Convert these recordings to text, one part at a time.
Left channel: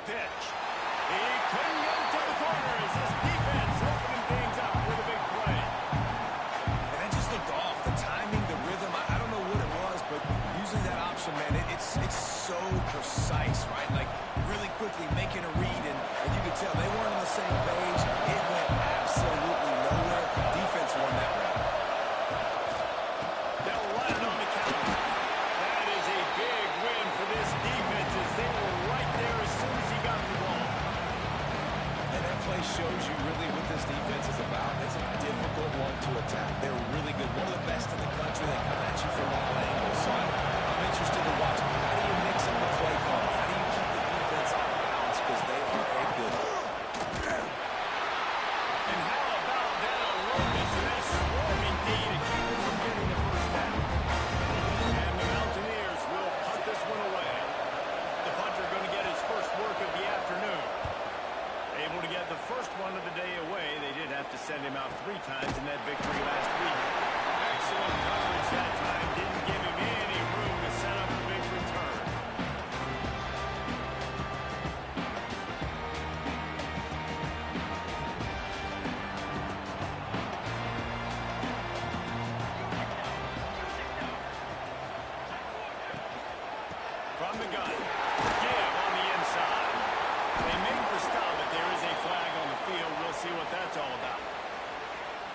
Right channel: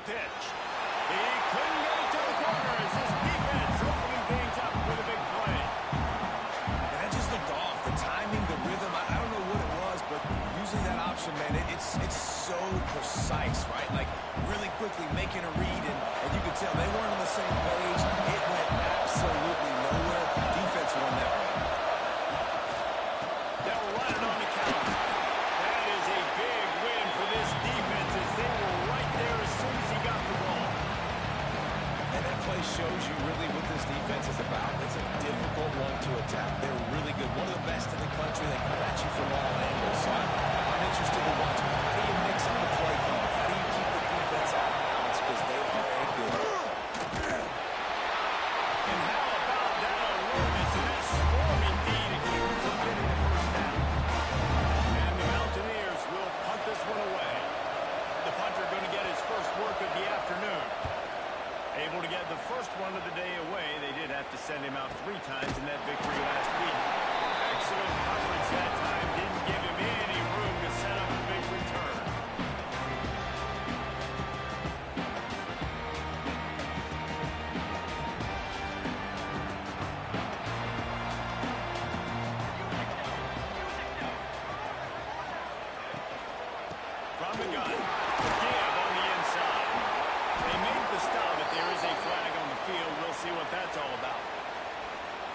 the pitch. He couldn't get it to the corner as his defense opening things up with a big play. And that just looked off. The timing, the rhythm, I don't know what it was, but using that option, man, it's so precise, right? Like, really quickly making a read, and you could tell they weren't on the same page. It went absolutely nowhere. Defense won that round. They'll run it on the counter. That is a big win for this defense as they were right there as soon as he got the ball. And that play shows you really what this defense is about. It's a difficult one to attack. They're really good. One of the best in the country. They come at you from all angles. So I'm interested to watch. How do you mix up the play call? How do you keep the defense off balance? Because they are a good. And how about that alertness and that swarming D to keep him from getting the first down? And the Mountaineers will punt this one away. The punter going to get his first work of the afternoon. Able to get the first one of the day away. They did have to send him out 3 times in that victory last week. Excellent coverage that time. Didn't give him any room to set up a big return. From the gun. Give on the inside. They make the stop, but there is a flag on the field. We'll see what that's all about.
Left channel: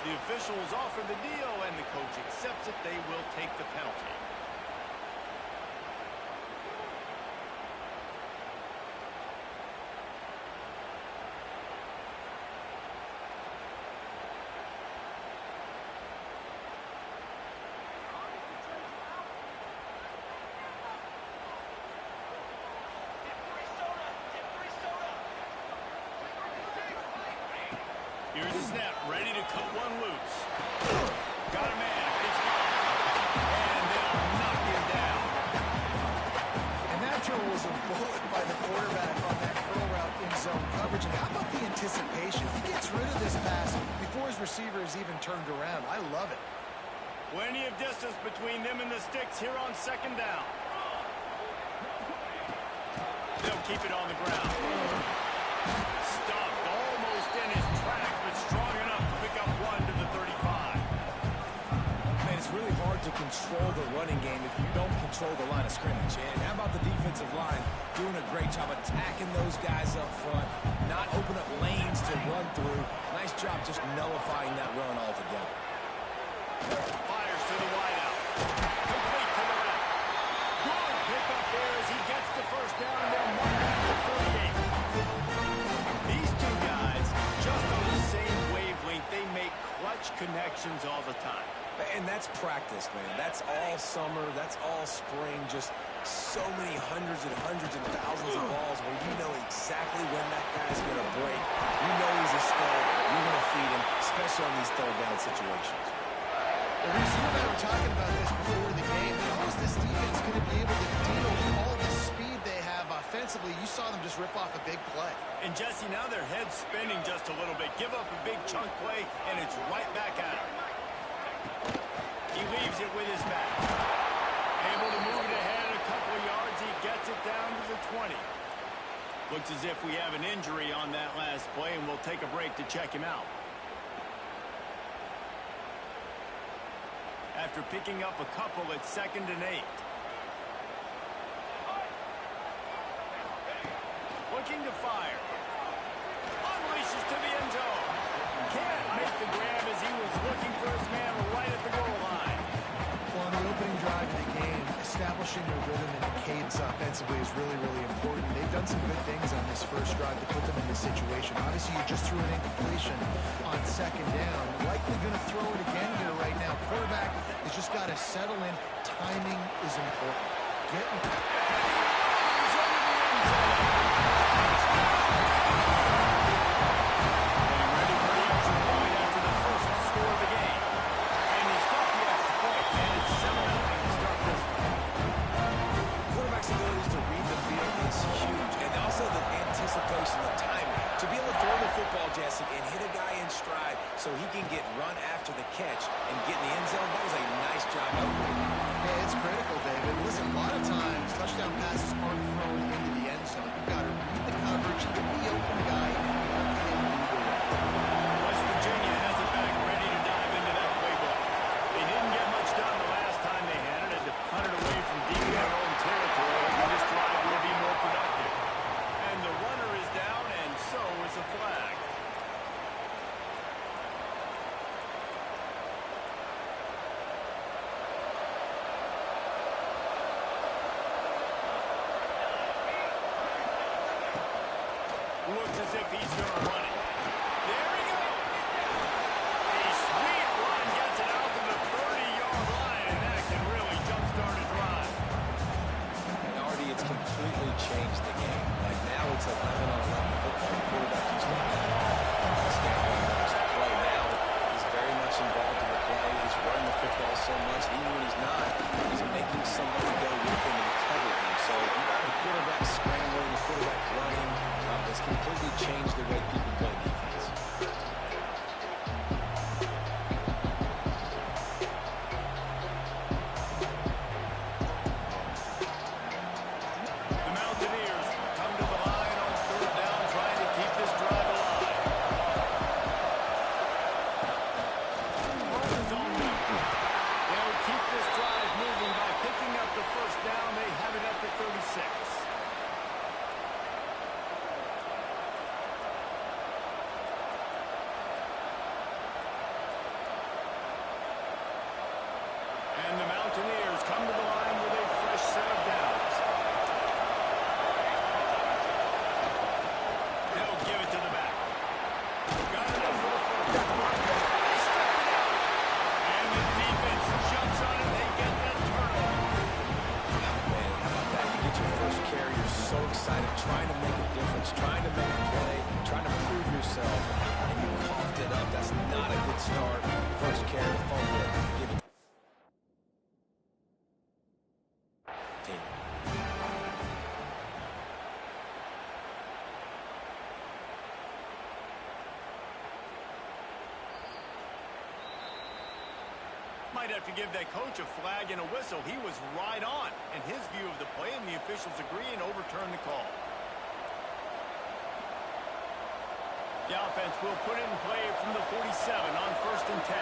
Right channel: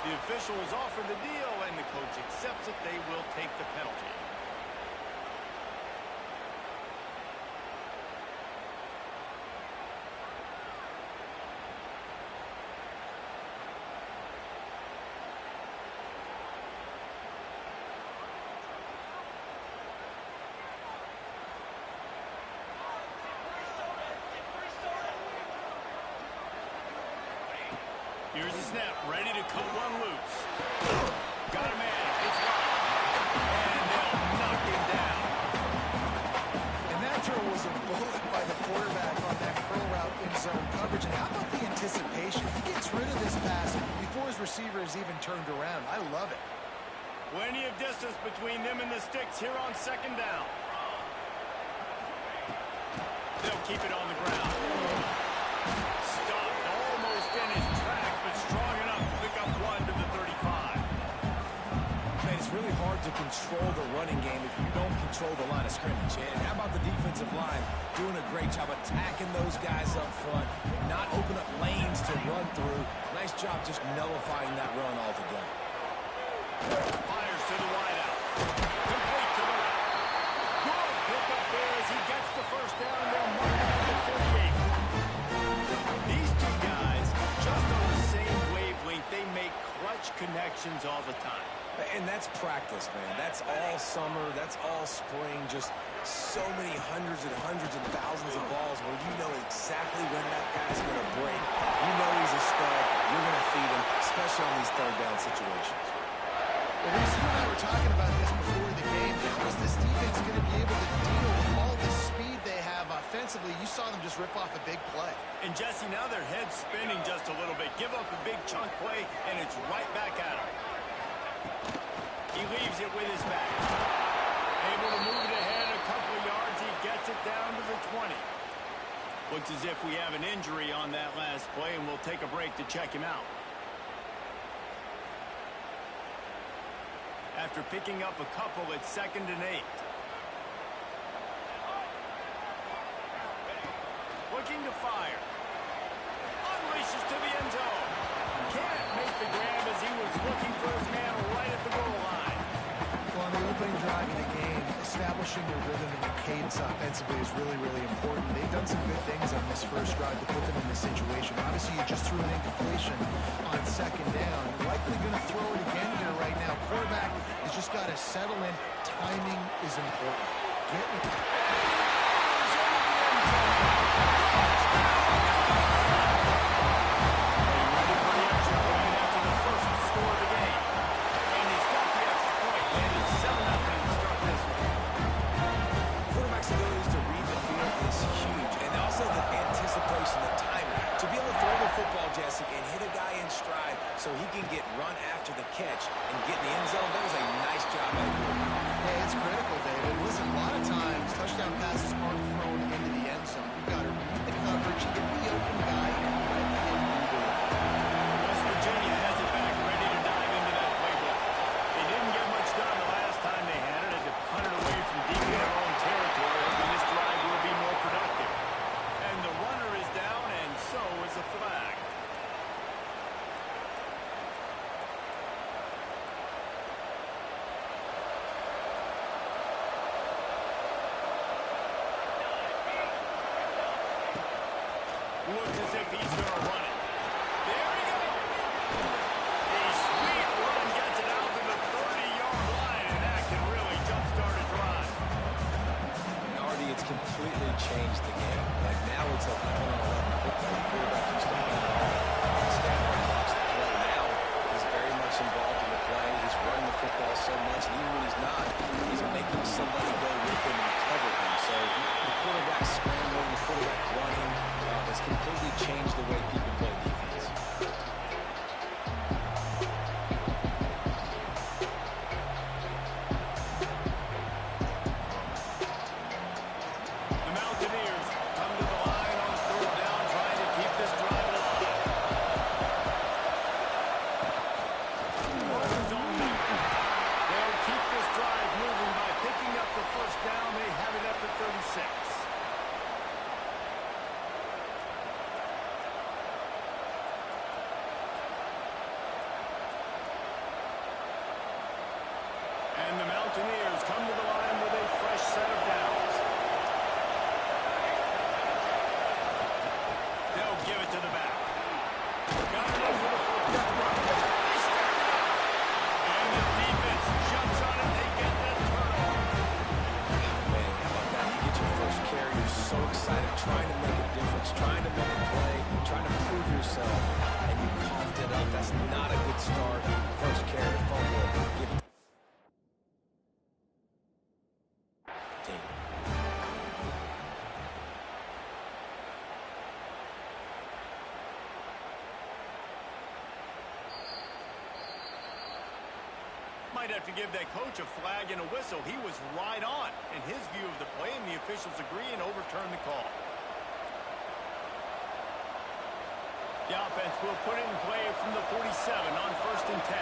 The officials offer the deal, and the coach accepts it. They will take the penalty. Here's the snap, ready to cut one loose. Got a man, it's locked. And they'll knock him down. And that throw was a bullet by the quarterback on that curl route in zone coverage. And how about the anticipation? He gets rid of this pass before his receiver is even turned around. I love it. Plenty of distance between them and the sticks here on second down. They'll keep it on the ground. Stuffed almost in his tracks, but strong enough to pick up 1 to the 35. Man, it's really hard to control the running game if you don't control the line of scrimmage. And how about the defensive line doing a great job attacking those guys up front, not open up lanes to run through. Nice job just nullifying that run altogether. Fires to the wideout. Complete to the left. Good pickup there as he gets the first down, and they'll mark it at the 48. These two guys, just on the same wavelength, they make clutch connections all the time. And that's practice, man. That's all summer. That's all spring. Just so many hundreds and thousands of balls where you know exactly when that guy's going to break. You know he's a stud. You're going to feed him, especially on these third down situations. Well, Reese, you and I were talking about this before the game. How is this defense going to be able to deal with all the speed they have offensively? You saw them just rip off a big play. And, Jesse, now their head's spinning just a little bit. Give up a big chunk play, and it's right back at him. He leaves it with his back. Able to move it ahead a couple of yards. He gets it down to the 20. Looks as if we have an injury on that last play, and we'll take a break to check him out. After picking up a couple, it's 2nd and 8. Looking to fire. Unleashes to the end zone. Can't make the grab as he was looking for his man right at the goal line. Well, on the opening drive of the game, establishing a rhythm and a cadence offensively is really, really important. They've done some good things on this first drive to put them in this situation. Obviously, you just threw an incompletion on 2nd down. Likely going to throw it again here right now. Quarterback has just got to settle in. Timing is important. Getting it. Ready for the extra point after the first score of the game. And he's got the extra point, and it's 7-0 to start this one. Quarterback's abilities to read the field is huge, and also the anticipation, the timing. To be able to throw the football, Jesse, and hit a guy in stride so he can get run after the catch and get in the end zone, that was a nice job by the quarterback. Hey, it's critical, David. Listen, a lot of times touchdown passes aren't thrown into the end zone. You've got to read the coverage, hit the open guy, and let him lead the way. West Virginia has it back, ready to dive into that playbook. They didn't get much done the last time they had it. Had to punt it away from deep in their own territory, hoping this drive will be more productive. And the runner is down, and so is a flag. Looks as if he's going to run it. There he goes. A sweet run gets it out to the 30-yard line, and that can really jumpstart a drive. And Artie, it's completely changed the game. Like now it's 11-on-11 football. The quarterback used to hand it off and stand there and watch the play. Now he's very much involved in the play. He's running the football so much. Even when he's not, he's making somebody go with him and cover him. So the quarterback scrambling, the quarterback running, has completely changed the way people play defense. The Mountaineers come to the line on third down, trying to keep this drive alive. Zone number. They'll keep this drive moving by picking up the first down. They have it at the 36. And the Mountaineers come to the line with a fresh set of downs. They'll give it to the back. Got it over the first. They stripped it out. And the defense jumps on it. They get that turnover. Man, how about that? You get your first carry. You're so excited, trying to make a difference, trying to make a play, trying to prove yourself, and you coughed it up. That's not a good start. First carry to fumble it. Give it team. Might have to give that coach a flag and a whistle. He was right on in his view of the play, and the officials agree and overturn the call. The offense will put it in play from the 47 on 1st and 10.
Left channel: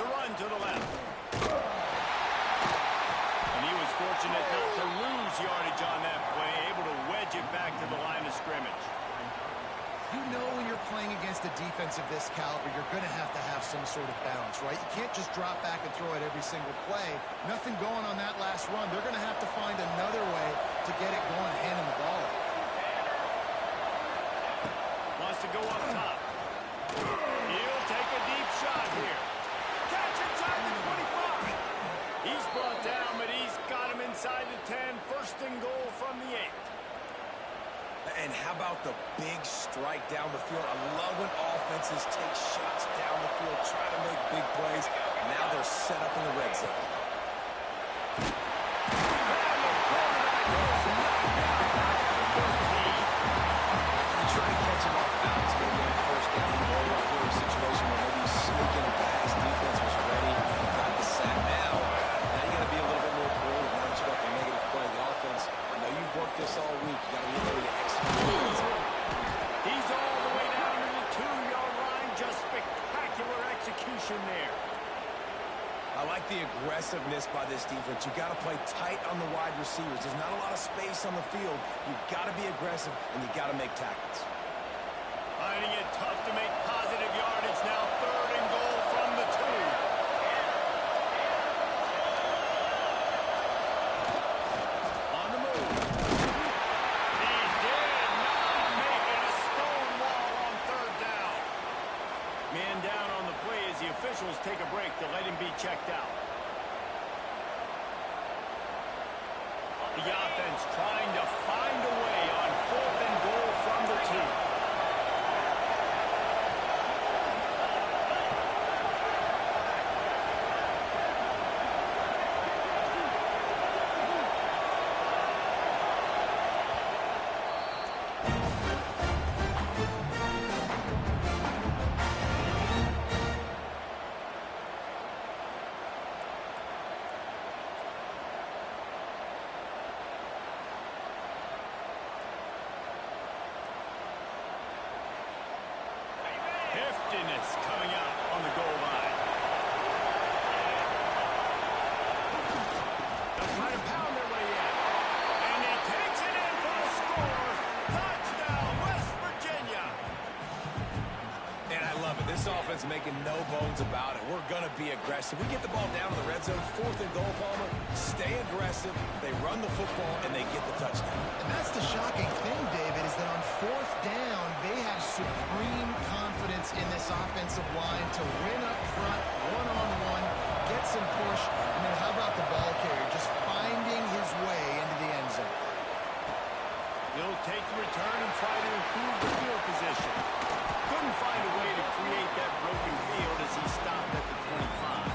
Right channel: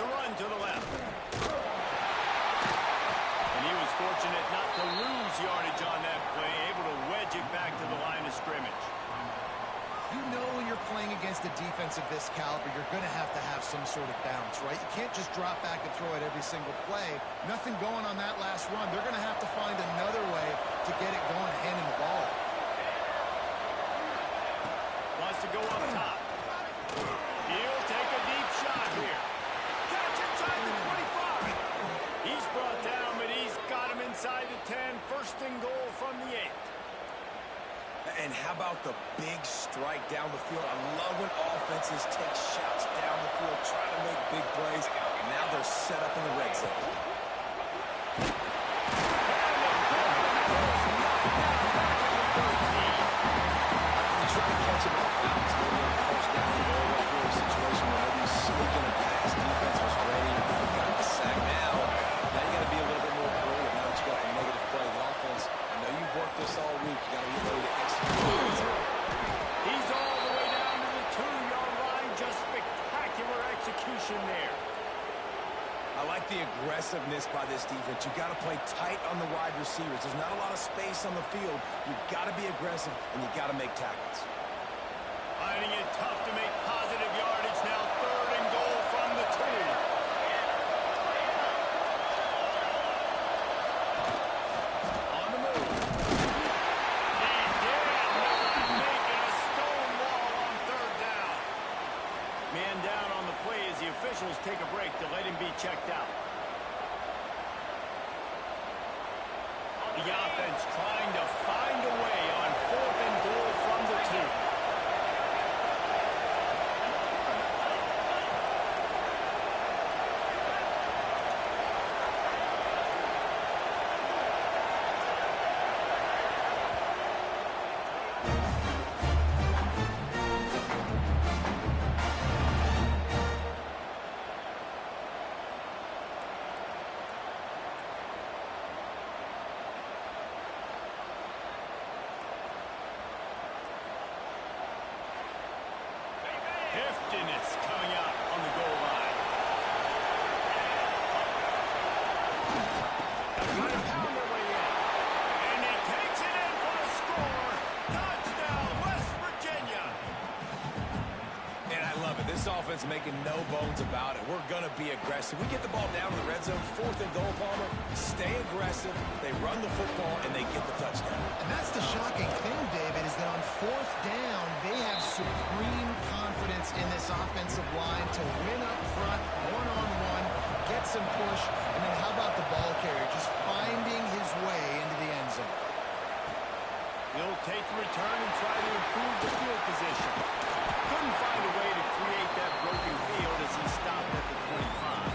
The run to the left. And he was fortunate not to lose yardage on that play, able to wedge it back to the line of scrimmage. You know when you're playing against a defense of this caliber, you're going to have some sort of balance, right? You can't just drop back and throw it every single play. Nothing going on that last run. They're going to have to find another way to get it going, handing the ball. Wants to go up top. He'll take a deep shot here. Catch inside the 25. He's brought down, but he's got him inside the 10. First and goal from the 8. And how about the big strike down the field? I love when offenses take shots down the field, try to make big plays. Now they're set up in the red zone. And the quarterback goes knocked down back at the 13. You try to catch him off balance, maybe on first down or right here, a situation where maybe you sneak in a pass, defense was ready, got the sack. Now you got to be a little bit more creative now that you got the negative play. The offense, I know you've worked this all week. You got to be ready to execute. He's all the way down to the 2-yard line. Just spectacular execution there. I like the aggressiveness by this defense. You got to play tight on the wide receivers. There's not a lot of space on the field. You've got to be aggressive, and you got to make tackles. Finding it tough to make positive yardage now. 3rd and goal from the 2. On the move. He did not make it a stone wall on 3rd down. Man down on the play as the officials take a break to let him be checked out. The offense trying to find a way on 4th and goal from the 2. emptiness coming out on the goal line. They're trying to pound their way in. And he takes it in for the score. Touchdown, West Virginia. And I love it. This offense making no bones about it. We're going to be aggressive. We get the ball down in the red zone, 4th and goal, Palmer. Stay aggressive. They run the football, and they get the touchdown. And that's the shocking thing, David, is that on 4th down, they have supreme confidence in this offensive line to win up front, one-on-one, get some push, and then how about the ball carrier just finding his way into the end zone? He'll take the return and try to improve the field position. Couldn't find a way to create that broken field as he stopped at the 25.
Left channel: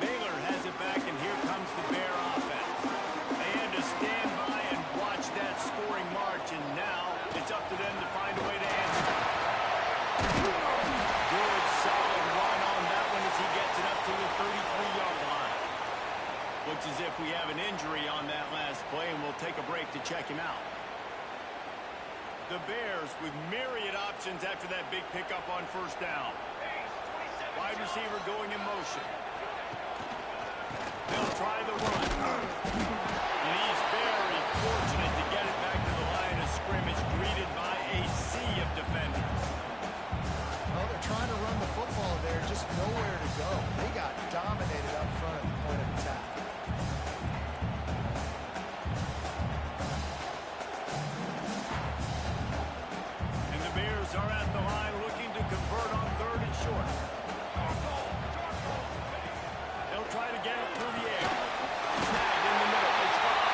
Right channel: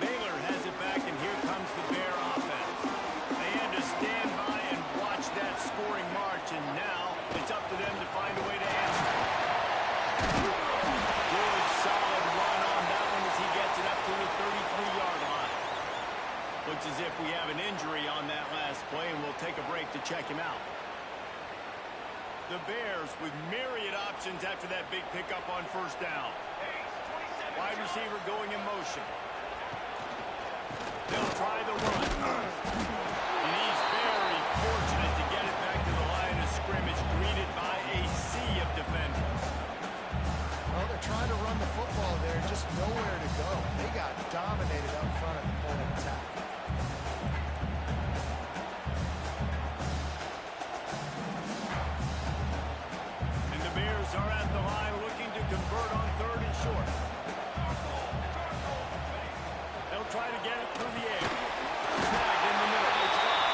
Baylor has it back, and here comes the Bear offense. They had to stand by and watch that scoring march, and now it's up to them to find a way to answer. Good, solid run on that one as he gets it up to the 33-yard line. Looks as if we have an injury on that last play, and we'll take a break to check him out. The Bears with myriad options after that big pickup on 1st down. Wide receiver going in motion. They'll try the run. And he's very fortunate to get it back to the line of scrimmage, greeted by a sea of defenders. Well, they're trying to run the football there, just nowhere to go. They got dominated up front at the point of attack. And the Bears are at the line looking to convert on 3rd and short. They'll try to get it through the air. Snagged in the middle. It's gone.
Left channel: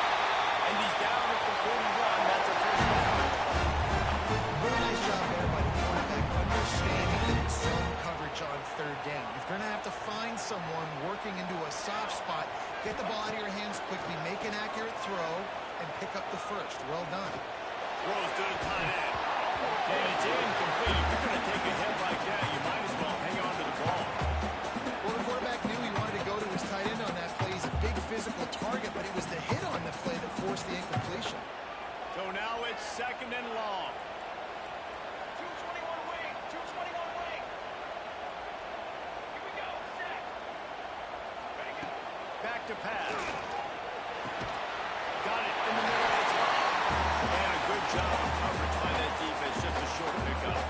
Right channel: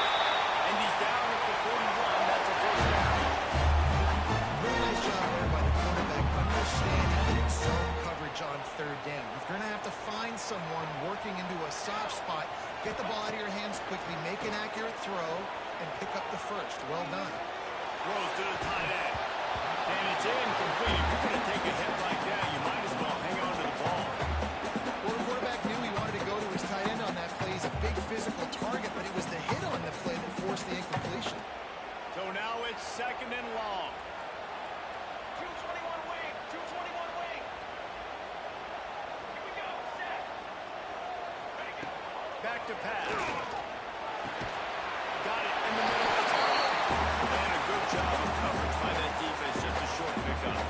And he's down at the 41. That's a 1st down. Really nice job there by the quarterback, understanding that it's zone coverage on 3rd down. If you're going to have to find someone working into a soft spot, get the ball out of your hands quickly, make an accurate throw, and pick up the 1st. Well done. Throws to the tight end. And it's incomplete. If you're going to take a hit like that, you might as well hang on to the ball. Well, the quarterback knew he wanted to go to his tight end on that play. He's a big physical target, but it was the hit on the play that forced the incompletion. So now it's 2nd and long. 221 wing, 221 wing. Here we go, set. Ready, go. Back to pass. Got it in the middle. It's locked. And a good job of coverage by that defense. Just a short pickup.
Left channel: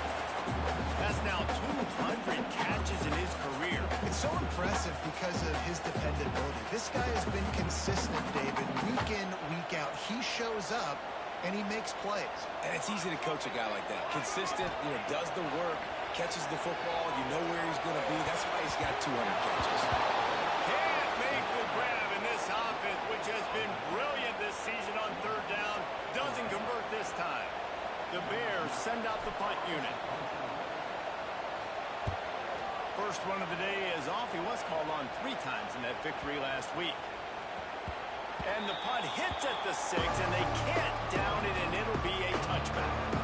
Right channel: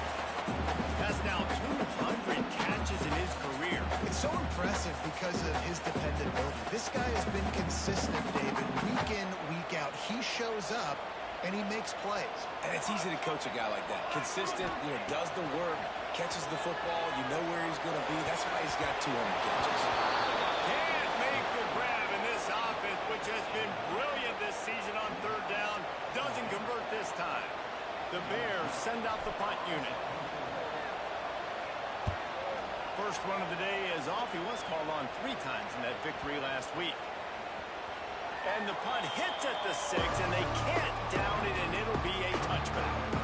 That's now 200 catches in his career. It's so impressive because of his dependability. This guy has been consistent, David, week in, week out. He shows up, and he makes plays. And it's easy to coach a guy like that. Consistent, does the work, catches the football, you know where he's going to be. That's why he's got 200 catches. Can't make the grab in this offense, which has been brilliant this season on 3rd down. Doesn't convert this time. The Bears send out the punt unit. First run of the day is off. He was called on 3 times in that victory last week. And the punt hits at the 6, and they can't down it, and it'll be a touchback.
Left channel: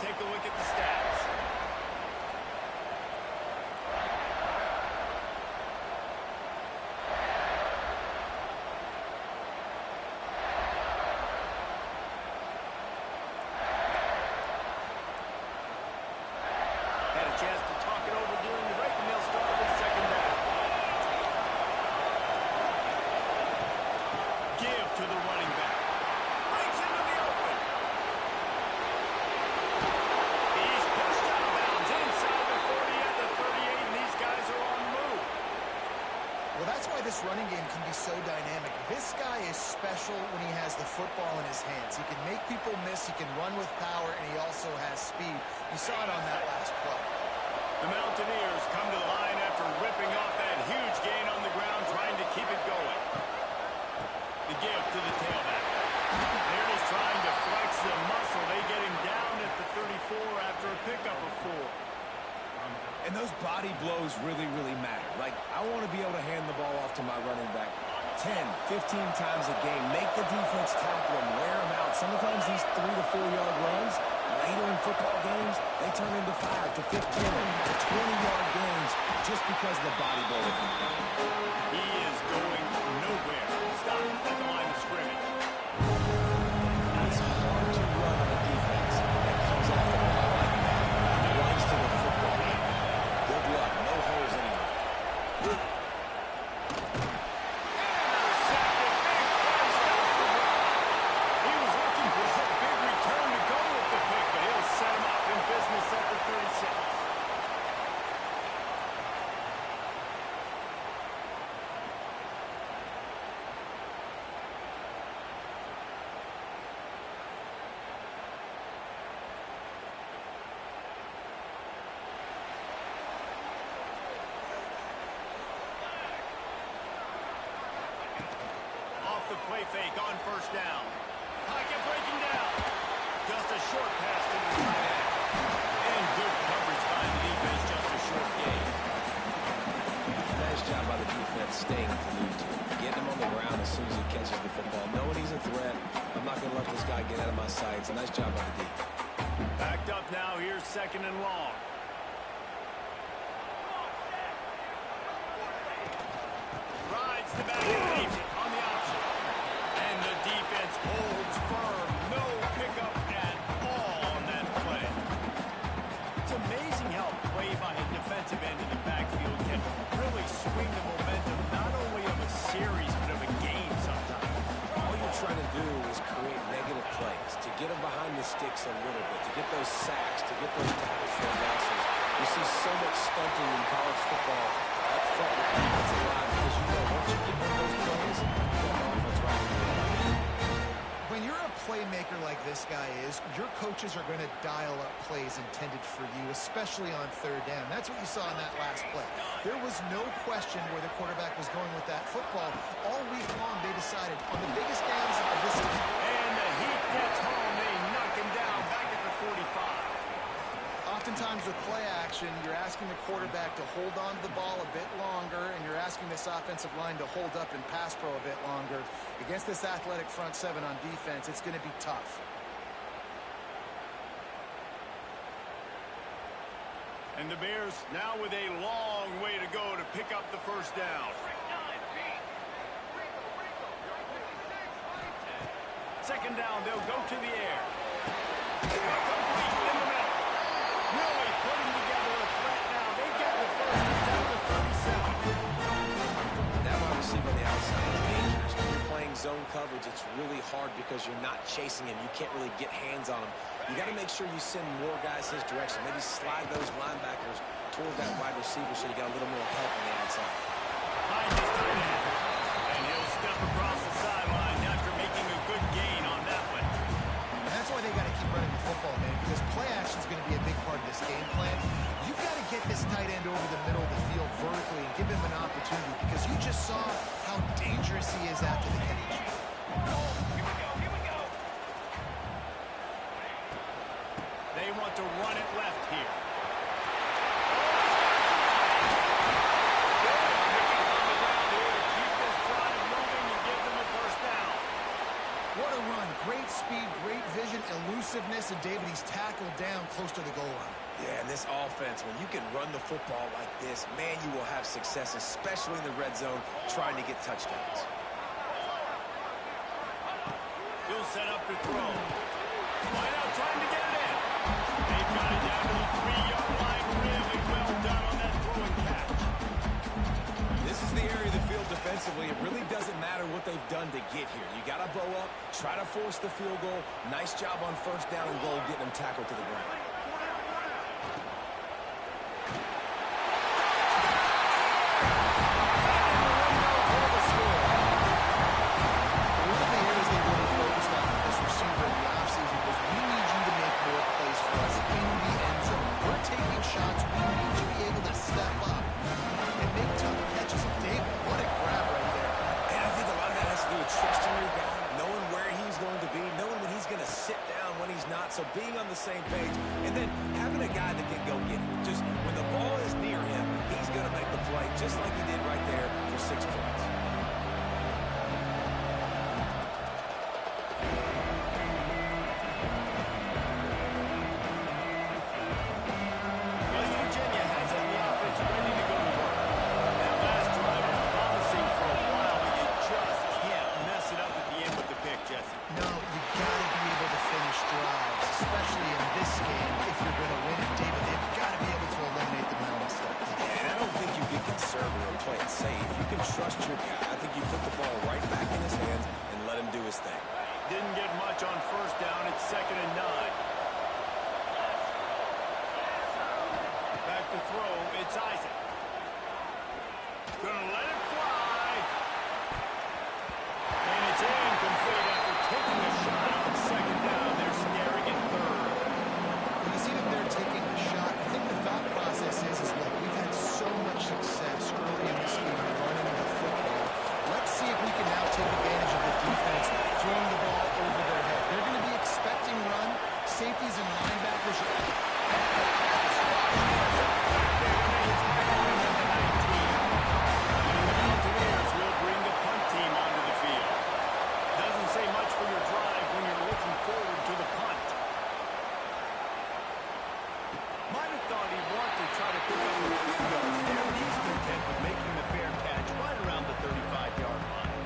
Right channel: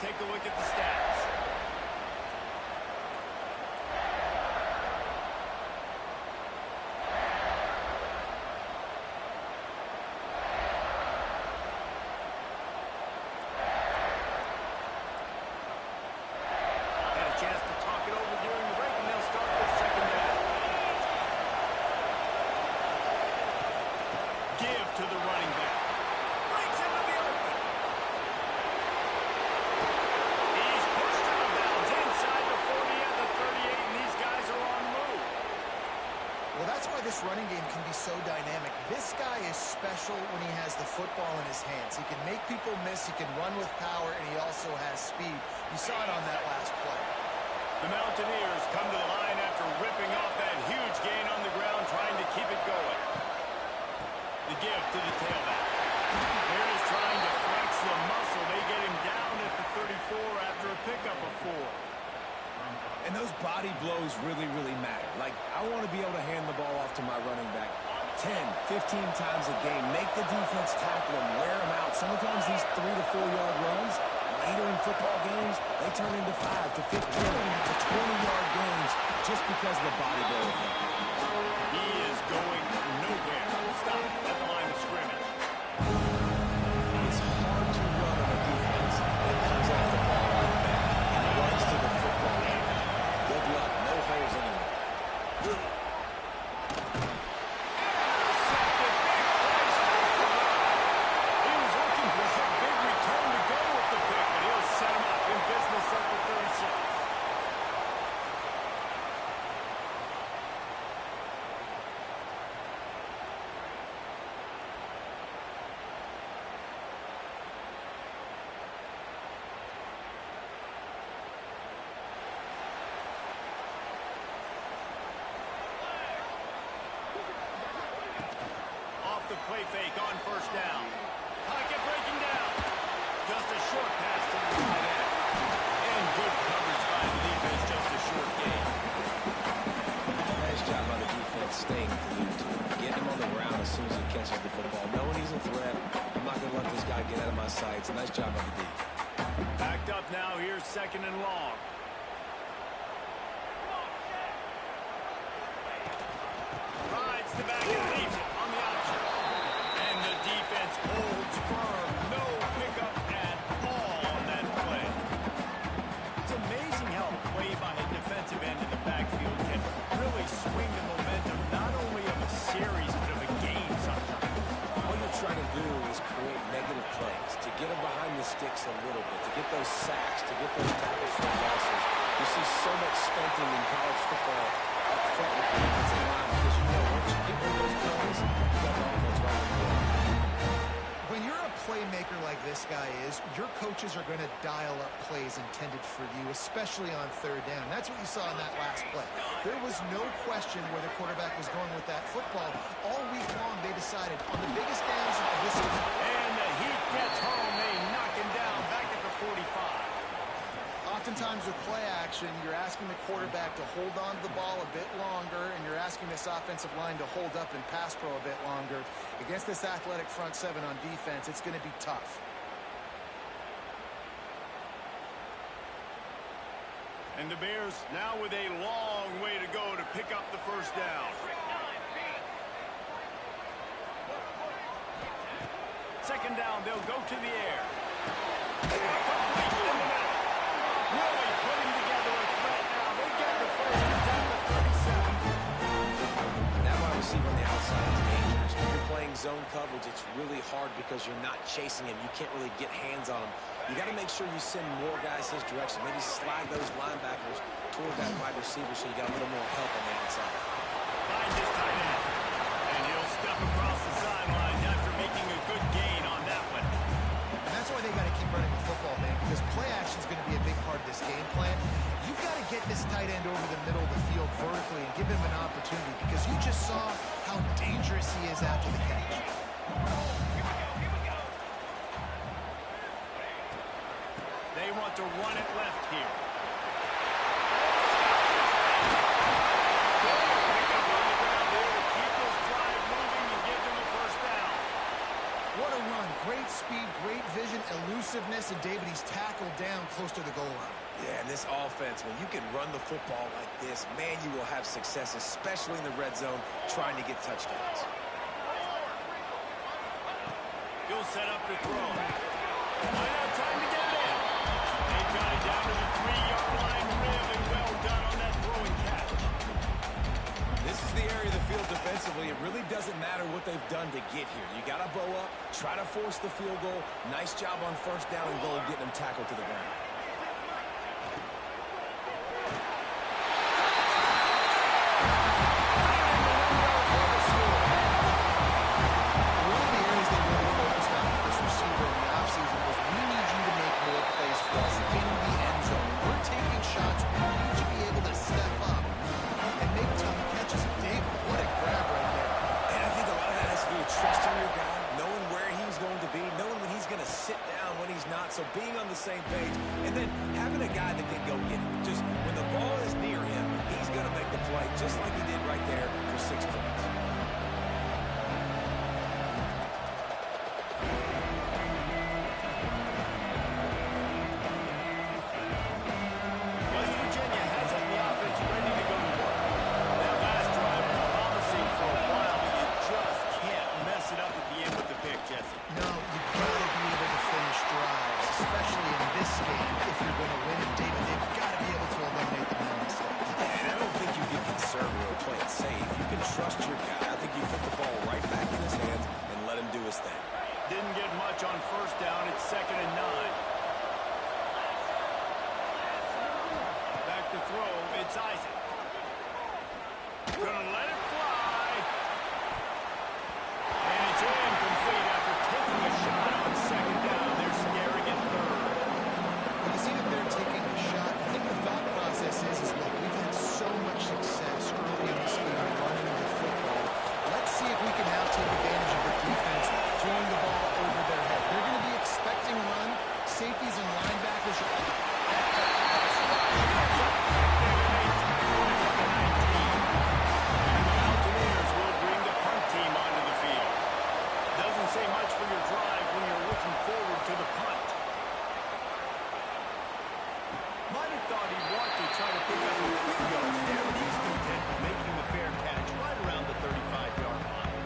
Take a look at the stats. Had a chance to talk it over during the break, and they'll start with 2nd down. Give to the running back. Breaks into the open. He's pushed out of bounds inside the 40 at the 38, and these guys are on the move. Well, that's why this running game can be so dynamic. This guy is special when he has the football in his hands. He can make people miss, he can run with power, and he also has speed. You saw it on that last play. The Mountaineers come to the line after ripping off that huge gain on the ground, trying to keep it going. The give to the tailback. They're just trying to flex the muscle. They get him down at the 34 after a pickup of 4. And those body blows really, really matter. Like, I want to be able to hand the ball off to my running back 10, 15 times a game. Make the defense tackle him, wear him out. Sometimes these 3 to 4 yard runs, later in football games, they turn into 5 to 15 to 20-yard gains just because of the body blow effect. He is going nowhere. Stop at the line of scrimmage. It's hard to run on a defense that comes off the ball like that and runs to the football like that. Good luck. No holes anywhere. Intercepted. Big play. Stops the drive. He was looking for that big return to go with the pick, but he'll set him up in business at the 36. The play fake on first down. Pocket breaking down. Just a short pass to the tight end. And good coverage by the defense, just a short gain. Nice job by the defense staying glued to him. Getting him on the ground as soon as he catches the football. Knowing he's a threat, I'm not going to let this guy get out of my sights. Nice job by the D. Backed up now. Here's 2nd and long. Rides the back and leaves it on the option. And the defense holds firm. No pickup at all on that play. It's amazing how a play by a defensive end in the backfield can really swing the momentum not only of a series but of a game sometimes. All you're trying to do is create negative plays, to get them behind the sticks a little bit, to get those sacks, to get those tackles for losses. You see so much stunting in college football up front with the defensive line because you know once you get one of those plays, you got the offense right in the wall. When you're a playmaker like this guy is, your coaches are going to dial up plays intended for you, especially on 3rd down. That's what you saw in that last play. There was no question where the quarterback was going with that football. All week long, they decided on the biggest downs of this season. And the heat gets home. They knock him down back at the 45. Oftentimes with play action, you're asking the quarterback to hold on to the ball a bit longer, and you're asking this offensive line to hold up and pass pro a bit longer. Against this athletic front 7 on defense, it's going to be tough. And the Bears now with a long way to go to pick up the first down. 2nd down, they'll go to the air. Complete in the middle. Really putting together a threat now. They get the first. It's at the 37. That wide receiver on the outside is dangerous. When you're playing zone coverage, it's really hard because you're not chasing him. You can't really get hands on him. You got to make sure you send more guys his direction. Maybe slide those linebackers toward that wide receiver so you got a little more help on the outside. Finds his tight end. And he'll step across the sideline after making a good gain on that one. And that's why they got to keep running the football, man, because play action is going to be a big part of this game plan. You've got to get this tight end over the middle of the field vertically and give him an opportunity because you just saw how dangerous he is after the catch. Here we go. They want to run it left here. Oh, he's got some space. Good pickup on the ground here to keep this drive moving and give them a first down. What a run. Great speed, great vision, elusiveness, and David, he's tackled down close to the goal line. Yeah, and this offense, when you can run the football like this, man, you will have success, especially in the red zone, trying to get touchdowns. He'll set up to throw. Line out trying to get it in. They've got it down to the 3-yard line. Really well done on that throw and catch. This is the area of the field defensively. It really doesn't matter what they've done to get here. You got to bow up, try to force the field goal. Nice job on first down and goal, getting them tackled to the ground. Found in the open shots, we need to be able to step up and make tough catches. David, what a grab right there. And I think a lot of that has to do with trusting your guy, knowing where he's going to be, knowing when he's going to sit down, when he's not, so being on the same page, and then having a guy that can go get it. Just when the ball is near him, he's going to make the play, just like he did right there for 6 points. West Virginia has it in the offense ready to go to work. That last drive was promising for a while, but you just can't mess it up at the end with the pick, Jesse. No, you got to be able to finish drives, especially in this game. If you're going to win it, David, they've got to be able to eliminate the mental mistakes. And I don't think you get conservative or play it safe. You can trust your guy. I think you put the ball right back in his hands and let him do his thing. Didn't get much on first down. It's 2nd and 9. Back to throw. It's Isaac. Gonna let it fly. And it's incomplete after taking a shot on 2nd down. They're staring at 3rd. When you see that they're taking a shot, I think the thought process is look, we've had so much success early in this game running the football. Let's see if we can now take advantage of the defense throwing the ball over their head. They're going to be expecting run. Safeties and linebackers are at the Pass rush is effective, and they tackle him at the 19. And the Mountaineers will bring the punt team onto the field. Doesn't say much for your drive when you're looking forward to the punt. Might have thought he'd want to try to pick up a few yards there, but he's content with making the fair catch right around the 35-yard line.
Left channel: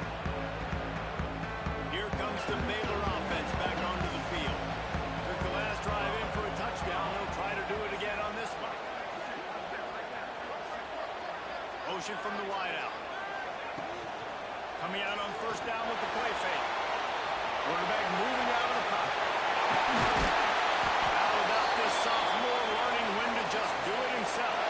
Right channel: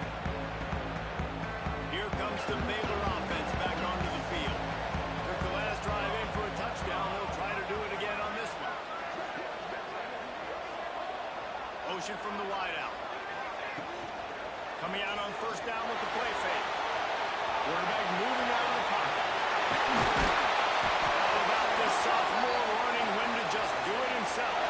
Here comes the Baylor offense back onto the field. Took the last drive in for a touchdown. They'll try to do it again on this one. Motion from the wideout. Coming out on first down with the play fake. Quarterback moving out of the pocket. How about this sophomore learning when to just do it himself?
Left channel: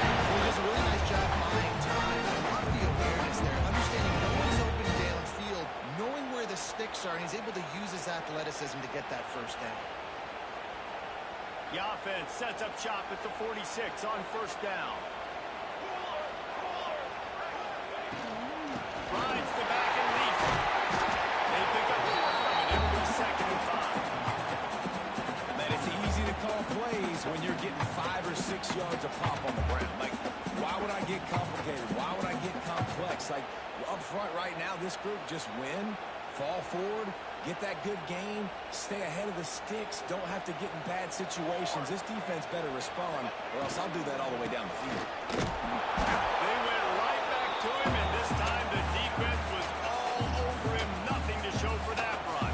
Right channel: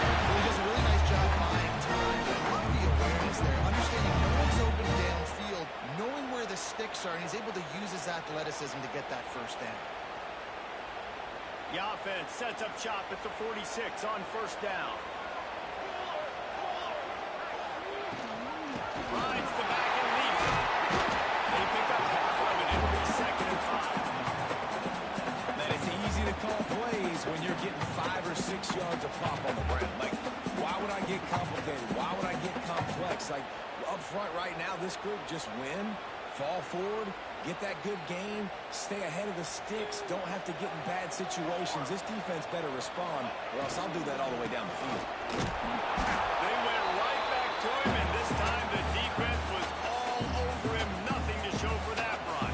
Well, he does a really nice job buying time. I love the awareness there, understanding no one's open downfield, knowing where the sticks are, and he's able to use his athleticism to get that first down. The offense sets up shop at the 46 on first down. Rides the back and leaps it. They pick up half of it. It'll be 2nd and 5. Man, it's easy to call plays when you're getting 5 or 6 yards of pop on the ground. Like, why would I get complicated? Why would I get complex? Like, up front right now, this group just win, fall forward, get that good gain, stay ahead of the sticks, don't have to get in bad situations. This defense better respond, or else I'll do that all the way down the field. They went right back to him, and this time the defense was all over him. Nothing to show for that run.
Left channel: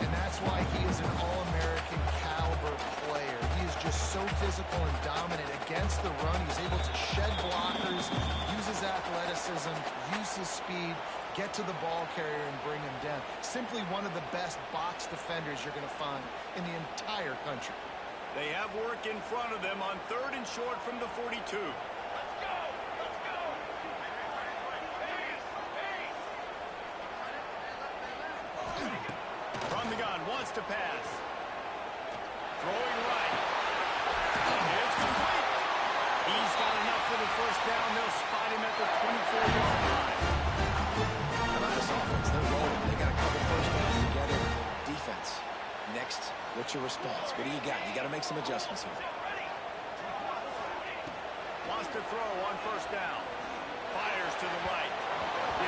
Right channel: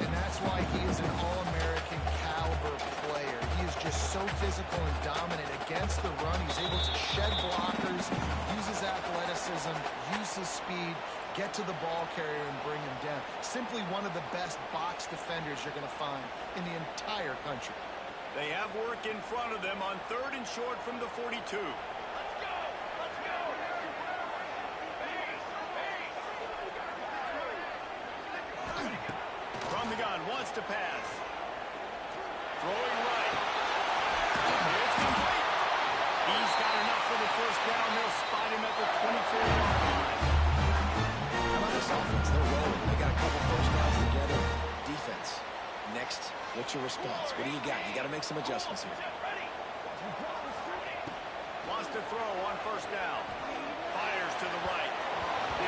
And that's why he is an All-American caliber player. He is just so physical and dominant against the run. He's able to shed blockers, use his athleticism, use his speed, get to the ball carrier and bring him down. Simply one of the best box defenders you're going to find in the entire country. They have work in front of them on 3rd and short from the 42. Let's go! Let's go! Base! From the gun, wants to pass. Throwing right. It's complete. He's got enough for the first down. They'll spot him at the 24-yard line. How about this offense? They're rolling. They got a couple first downs together. Defense. Next, what's your response? What do you got? You got to make some adjustments here. Wants to throw on first down. Fires to the right.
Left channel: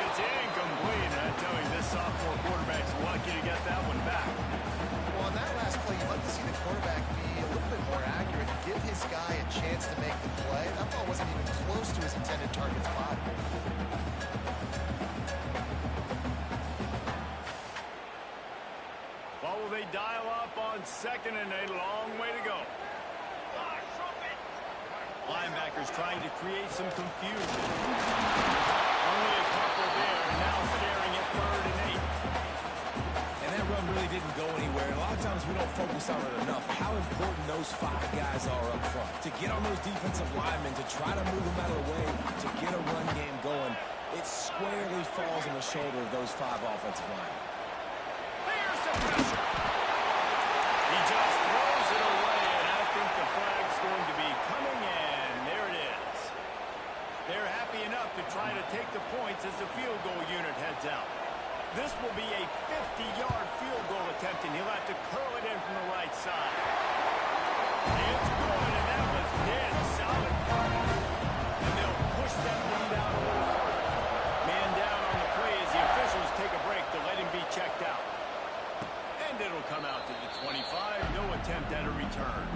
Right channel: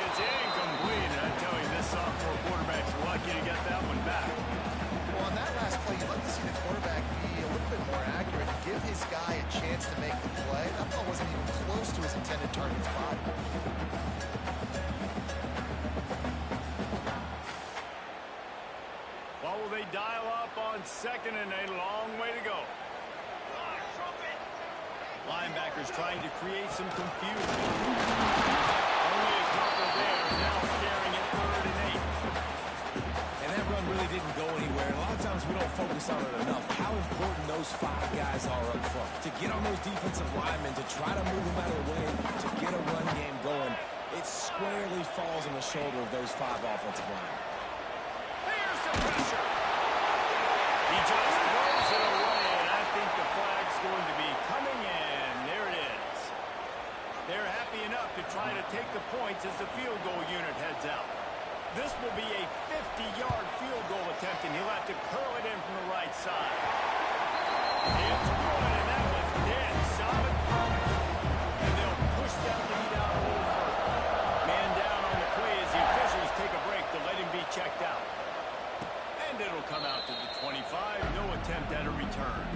It's incomplete. And I tell you, this sophomore quarterback's lucky to get that one back. Well, on that last play, you'd like to see the quarterback be a little bit more accurate, give his guy a chance to make the play. That ball wasn't even close to his intended target's body. What will they dial up on 2nd and a long way to go? Linebackers trying to create some confusion. Only a couple there, and now staring at 3rd and 8. And that run really didn't go anywhere. And a lot of times we don't focus on it enough. How important those 5 guys are up front. To get on those defensive linemen, to try to move them out of the way, to get a run game going, it squarely falls on the shoulder of those 5 offensive linemen. There's some pressure. He just throws it away, and I think the flag's going to be coming, and there it is. They're happy enough to try to take the points as the field goal unit heads out. This will be a 50-yard field goal attempt, and he'll have to curl it in from the right side. It's good, and that was dead solid perfect. And they'll push that lead out a little further. Man down on the play as the officials take a break to let him be checked out. And it'll come out to the 25. No attempt at a return.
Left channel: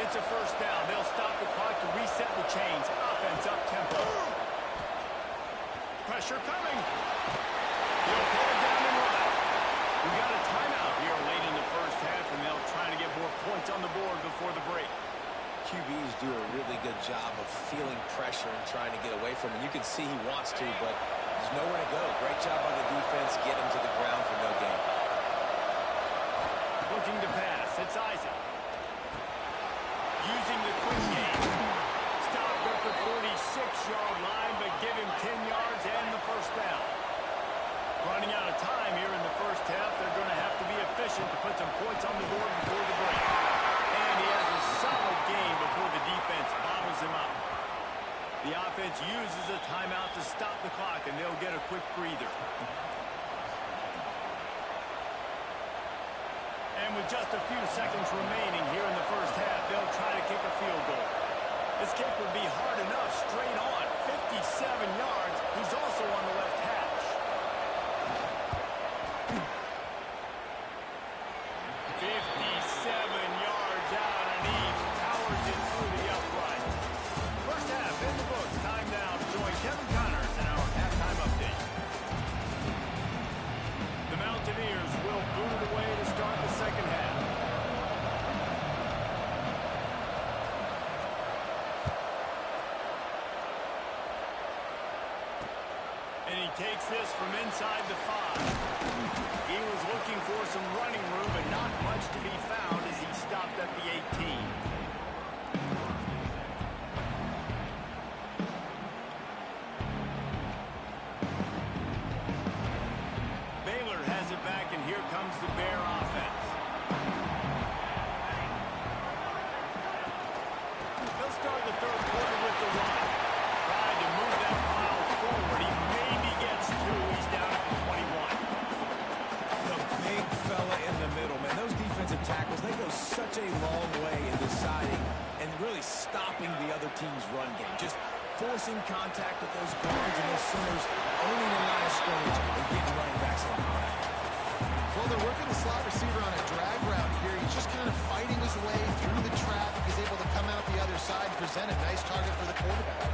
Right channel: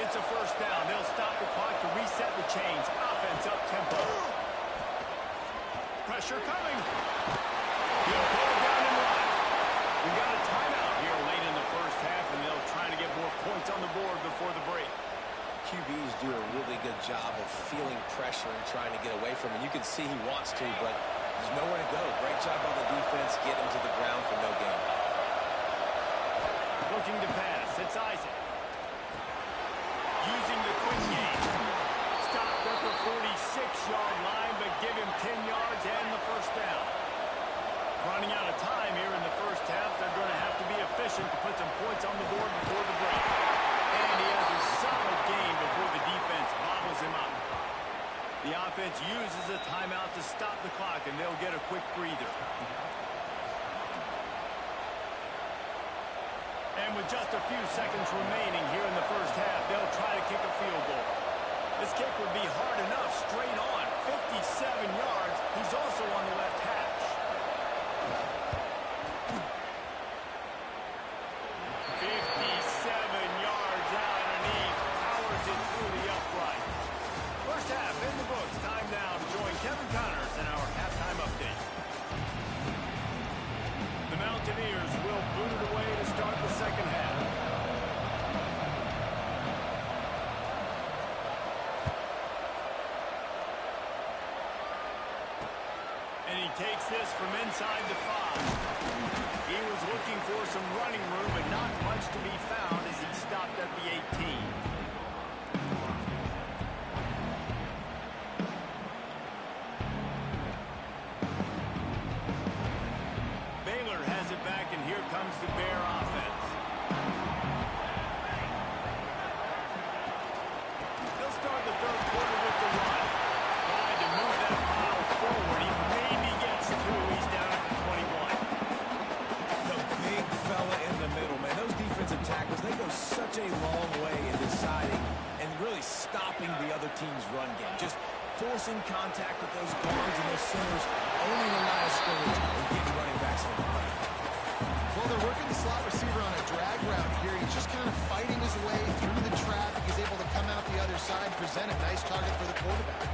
It's a first down. They'll stop the clock to reset the chains. Offense up tempo. Pressure coming. He'll pull it down and run. We got a timeout here late in the first half, and they'll try to get more points on the board before the break. QBs do a really good job of feeling pressure and trying to get away from it. You can see he wants to, but there's nowhere to go. Great job by the defense. Get him to the ground for no gain. Looking to pass. It's Isaac. Using the quick game. Stopped at the 46-yard line, but give him 10 yards and the first down. Running out of time here in the first half. They're going to have to be efficient to put some points on the board before the break. And he has a solid game before the defense bottles him up. The offense uses a timeout to stop the clock, and they'll get a quick breather. And with just a few seconds remaining here in the first half, they'll try to kick a field goal. This kick would be hard enough straight on. 57 yards. He's also on the left hash. 57 yards out, and he powers it through the upright. First half in the books. Time now to join Kevin Connors in our halftime update. The Mountaineers will boot it away to start the second half. And he takes this from inside the 5. He was looking for some running room, but not much to be found as he stopped at the 18. Baylor has it back, and here comes the Bear offense. They'll start the third quarter with the run. Tried to move that pile forward. He maybe gets 2. He's down at the 21. The big fella in the middle, man. Those defensive tackles, they go such a long way in deciding and really stopping the other team's run game. Just forcing contact with those guards and those centers, owning the line of scrimmage, and getting running backs on the ground. Well, they're working the slot receiver on a drag route here. He's just kind of fighting his way through the traffic. He's able to come out the other side, present a nice target for the quarterback.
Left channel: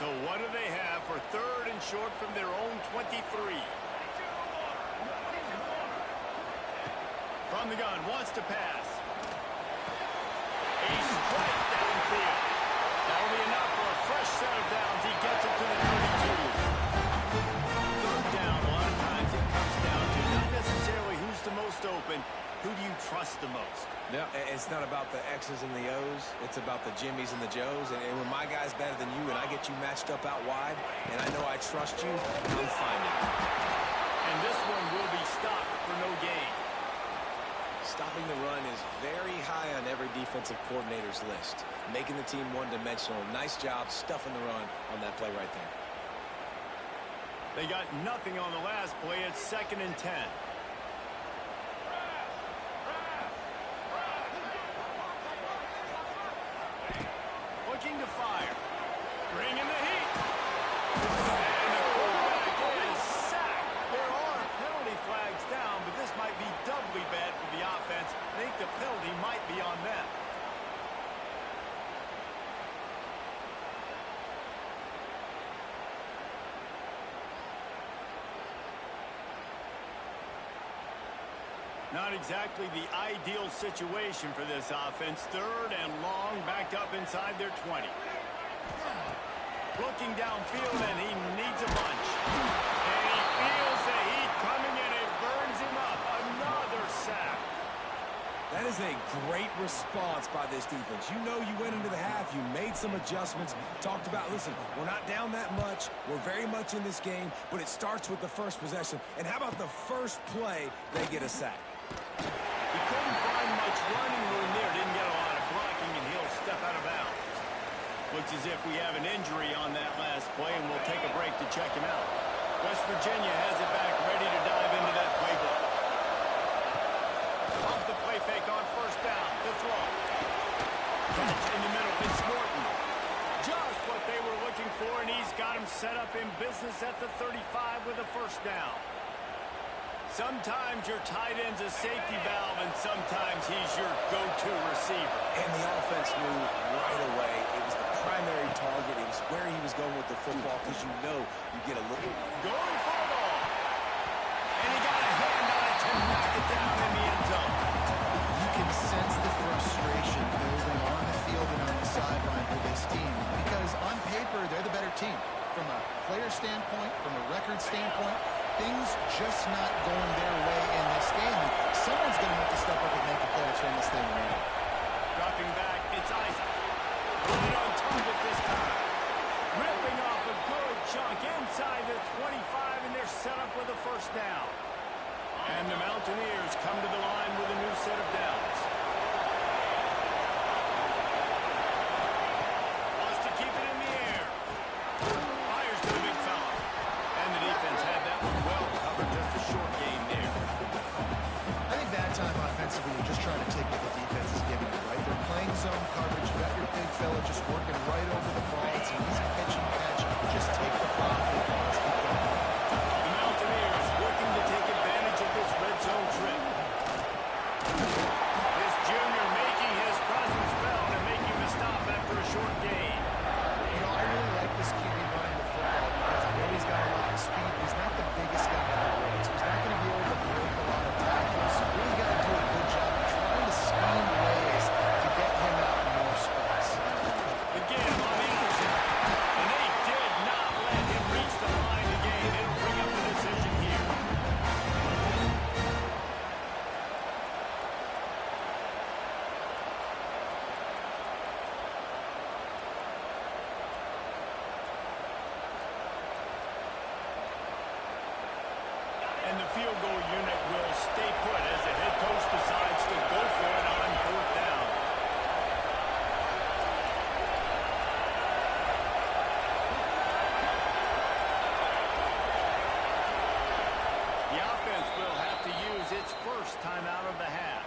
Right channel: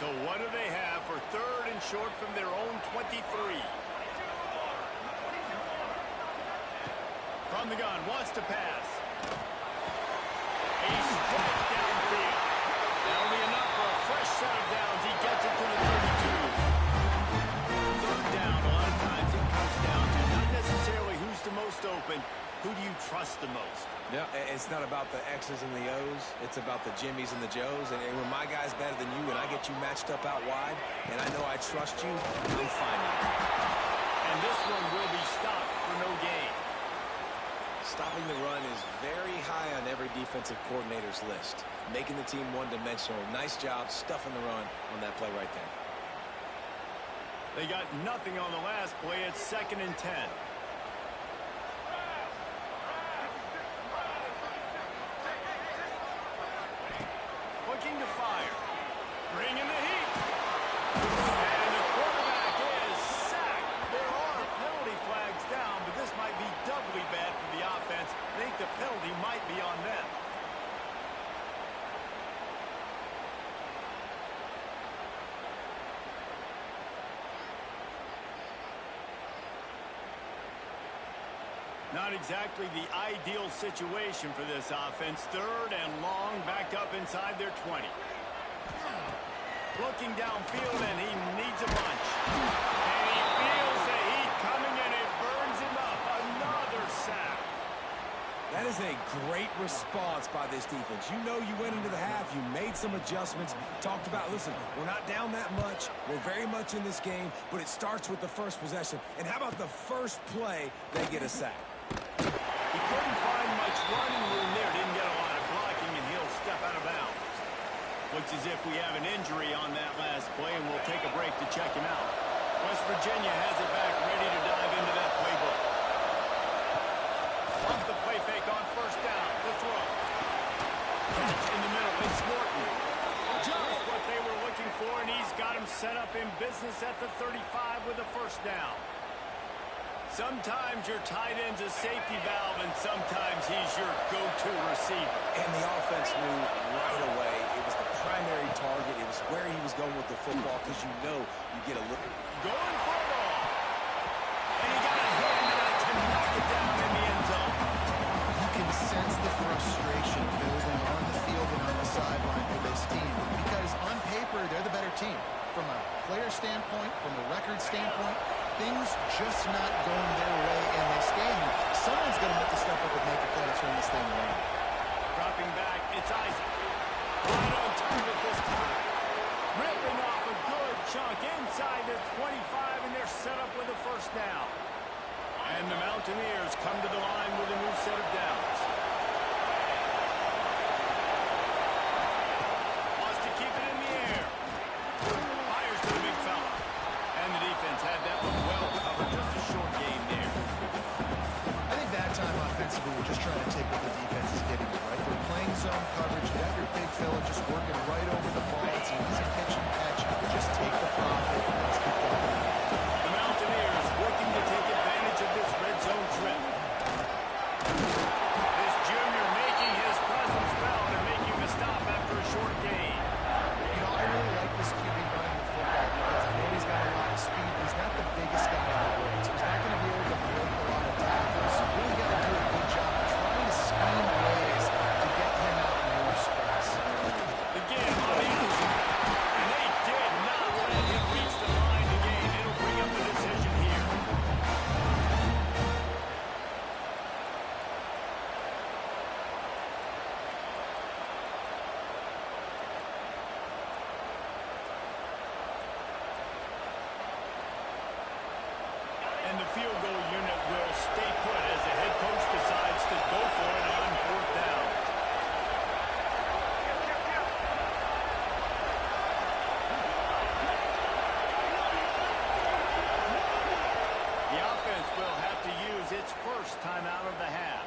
So what do they have for third and short from their own 23? From the gun, wants to pass. A strike downfield. That'll be enough for a fresh set of downs. He gets it to the 32. Third down, a lot of times it comes down to not necessarily who's the most open, who do you trust the most? Yeah, it's not about the X's and the O's. It's about the Jimmys and the Joes. And when my guy's better than you and I get you matched up out wide, and I know I trust you, I'm finding you. And this one will be stopped for no gain. Stopping the run is very high on every defensive coordinator's list. Making the team one-dimensional. Nice job stuffing the run on that play right there. They got nothing on the last play. It's 2nd and 10. Looking to fire. Bringing the heat. And the quarterback is sacked. There are penalty flags down, but this might be doubly bad for the offense. I think the penalty might be on them. Not exactly the ideal situation for this offense. 3rd and long, backed up inside their 20. Looking downfield, and he needs a bunch. And he feels the heat coming, and it burns him up. Another sack. That is a great response by this defense. You know you went into the half, you made some adjustments, talked about, listen, we're not down that much, we're very much in this game, but it starts with the first possession. And how about the first play, they get a sack? He couldn't find much running room there, didn't get a lot of blocking, and he'll step out of bounds. Looks as if we have an injury on that last play, and we'll take a break to check him out. West Virginia has it back, ready to dive into that playbook. Off the play fake on 1st down, the throw. Catch in the middle, it's Morton. Just what they were looking for, and he's got him set up in business at the 35 with a 1st down. Sometimes your tight end's a safety valve, and sometimes he's your go-to receiver. And the offense knew right away it was the primary target. It was where he was going with the football, because you know you get a little... Going for it all. And he got a hand on it to knock it down in the end zone. You can sense the frustration building on the field and on the sideline for this team, because on paper, they're the better team. From a player standpoint, from a record standpoint, things just not going their way in this game. And someone's going to have to step up and make a play to turn this thing around. Dropping back, it's Isaac. Right on target this time. Ripping off a good chunk inside the 25, and they're set up with a 1st down. And the Mountaineers come to the line with a new set of downs. Wants to keep it in the air. Fires to the big fella. And the defense had that one well covered, just a short gain there. I think that time offensively, you're just trying to take what the defense is giving you, right? They're playing zone coverage. You got your big fella just working right over the ball. It's an easy pitch and catch. Just take the profit and let's keep going. The Mountaineers working to take advantage of this red zone trip. This junior making his presence felt and making the stop after a short gain. You know, I really like this QB running the football because I know he's got a lot of speed, but he's not the biggest guy in the world. So he's not going to be able to break a lot of tackles. So you really got to do a good job of trying to scheme ways to get him out in more space. Again on the option. And they did not let him reach the line again. It'll bring up the decision here. And the field goal unit will stay put as the head coach decides to go for it on 4th down. The offense will have to use its 1st timeout of the half.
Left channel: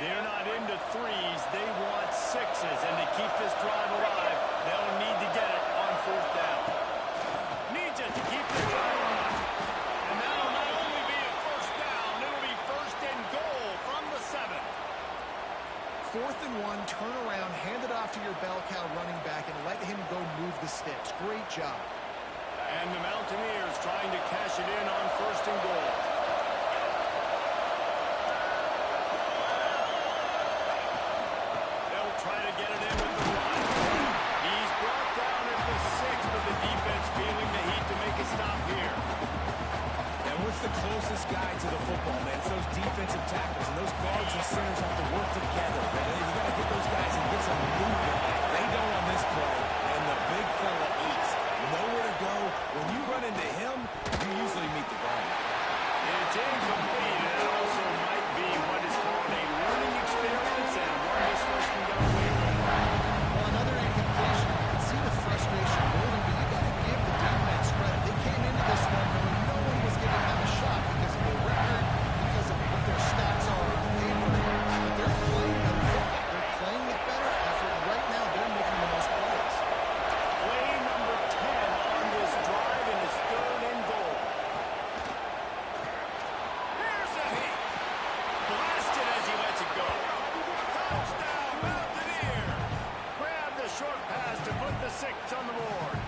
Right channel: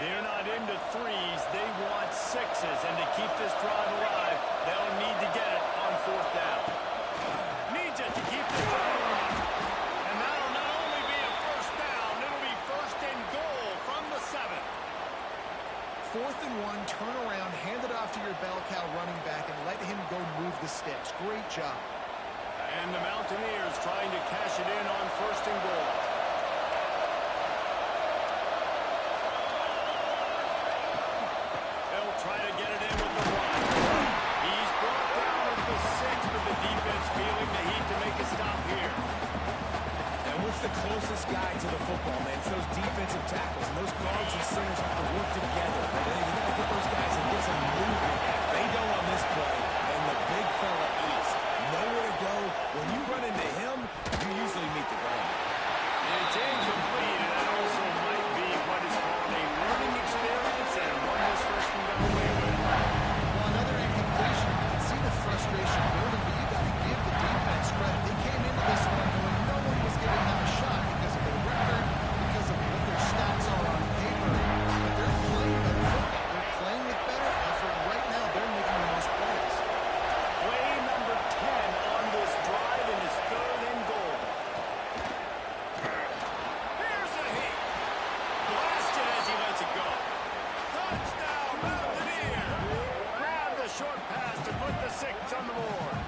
They're not into 3s. They want 6s. And to keep this drive alive, they'll need to get it on 4th down. Needs it to keep this drive alive. And that'll not only be a 1st down, it'll be 1st and goal from the 7. 4th and 1, turn around, hand it off to your bell cow running back, and let him go move the sticks. Great job. And the Mountaineers trying to cash it in on 1st and goal. Try to get it in with the run. He's brought down at the 6, but the defense feeling the heat to make a stop here. And with the closest guy to the football, man, it's those defensive tackles, and those guards and centers have to work together. You got to get those guys and get some movement. They don't on this play, and the big fella eats. Nowhere to go. When you run into him, you usually meet the ground. It's incomplete, and that also might be what is called a learning experience, and one this freshman got away with. Well, another incompletion. You can see the frustration building, but you got to give the defense credit. They came into this one knowing no one was giving them a shot because of their record, because of what their stats are on paper. But they're playing better football. They're playing with better effort, and right now they're making the most plays. Play number 10 on this drive, and it's 3rd and goal. Here's a hit. Blasted as he lets it go. Touchdown, Mountaineers! Grab the short pass to put the 6 on the board.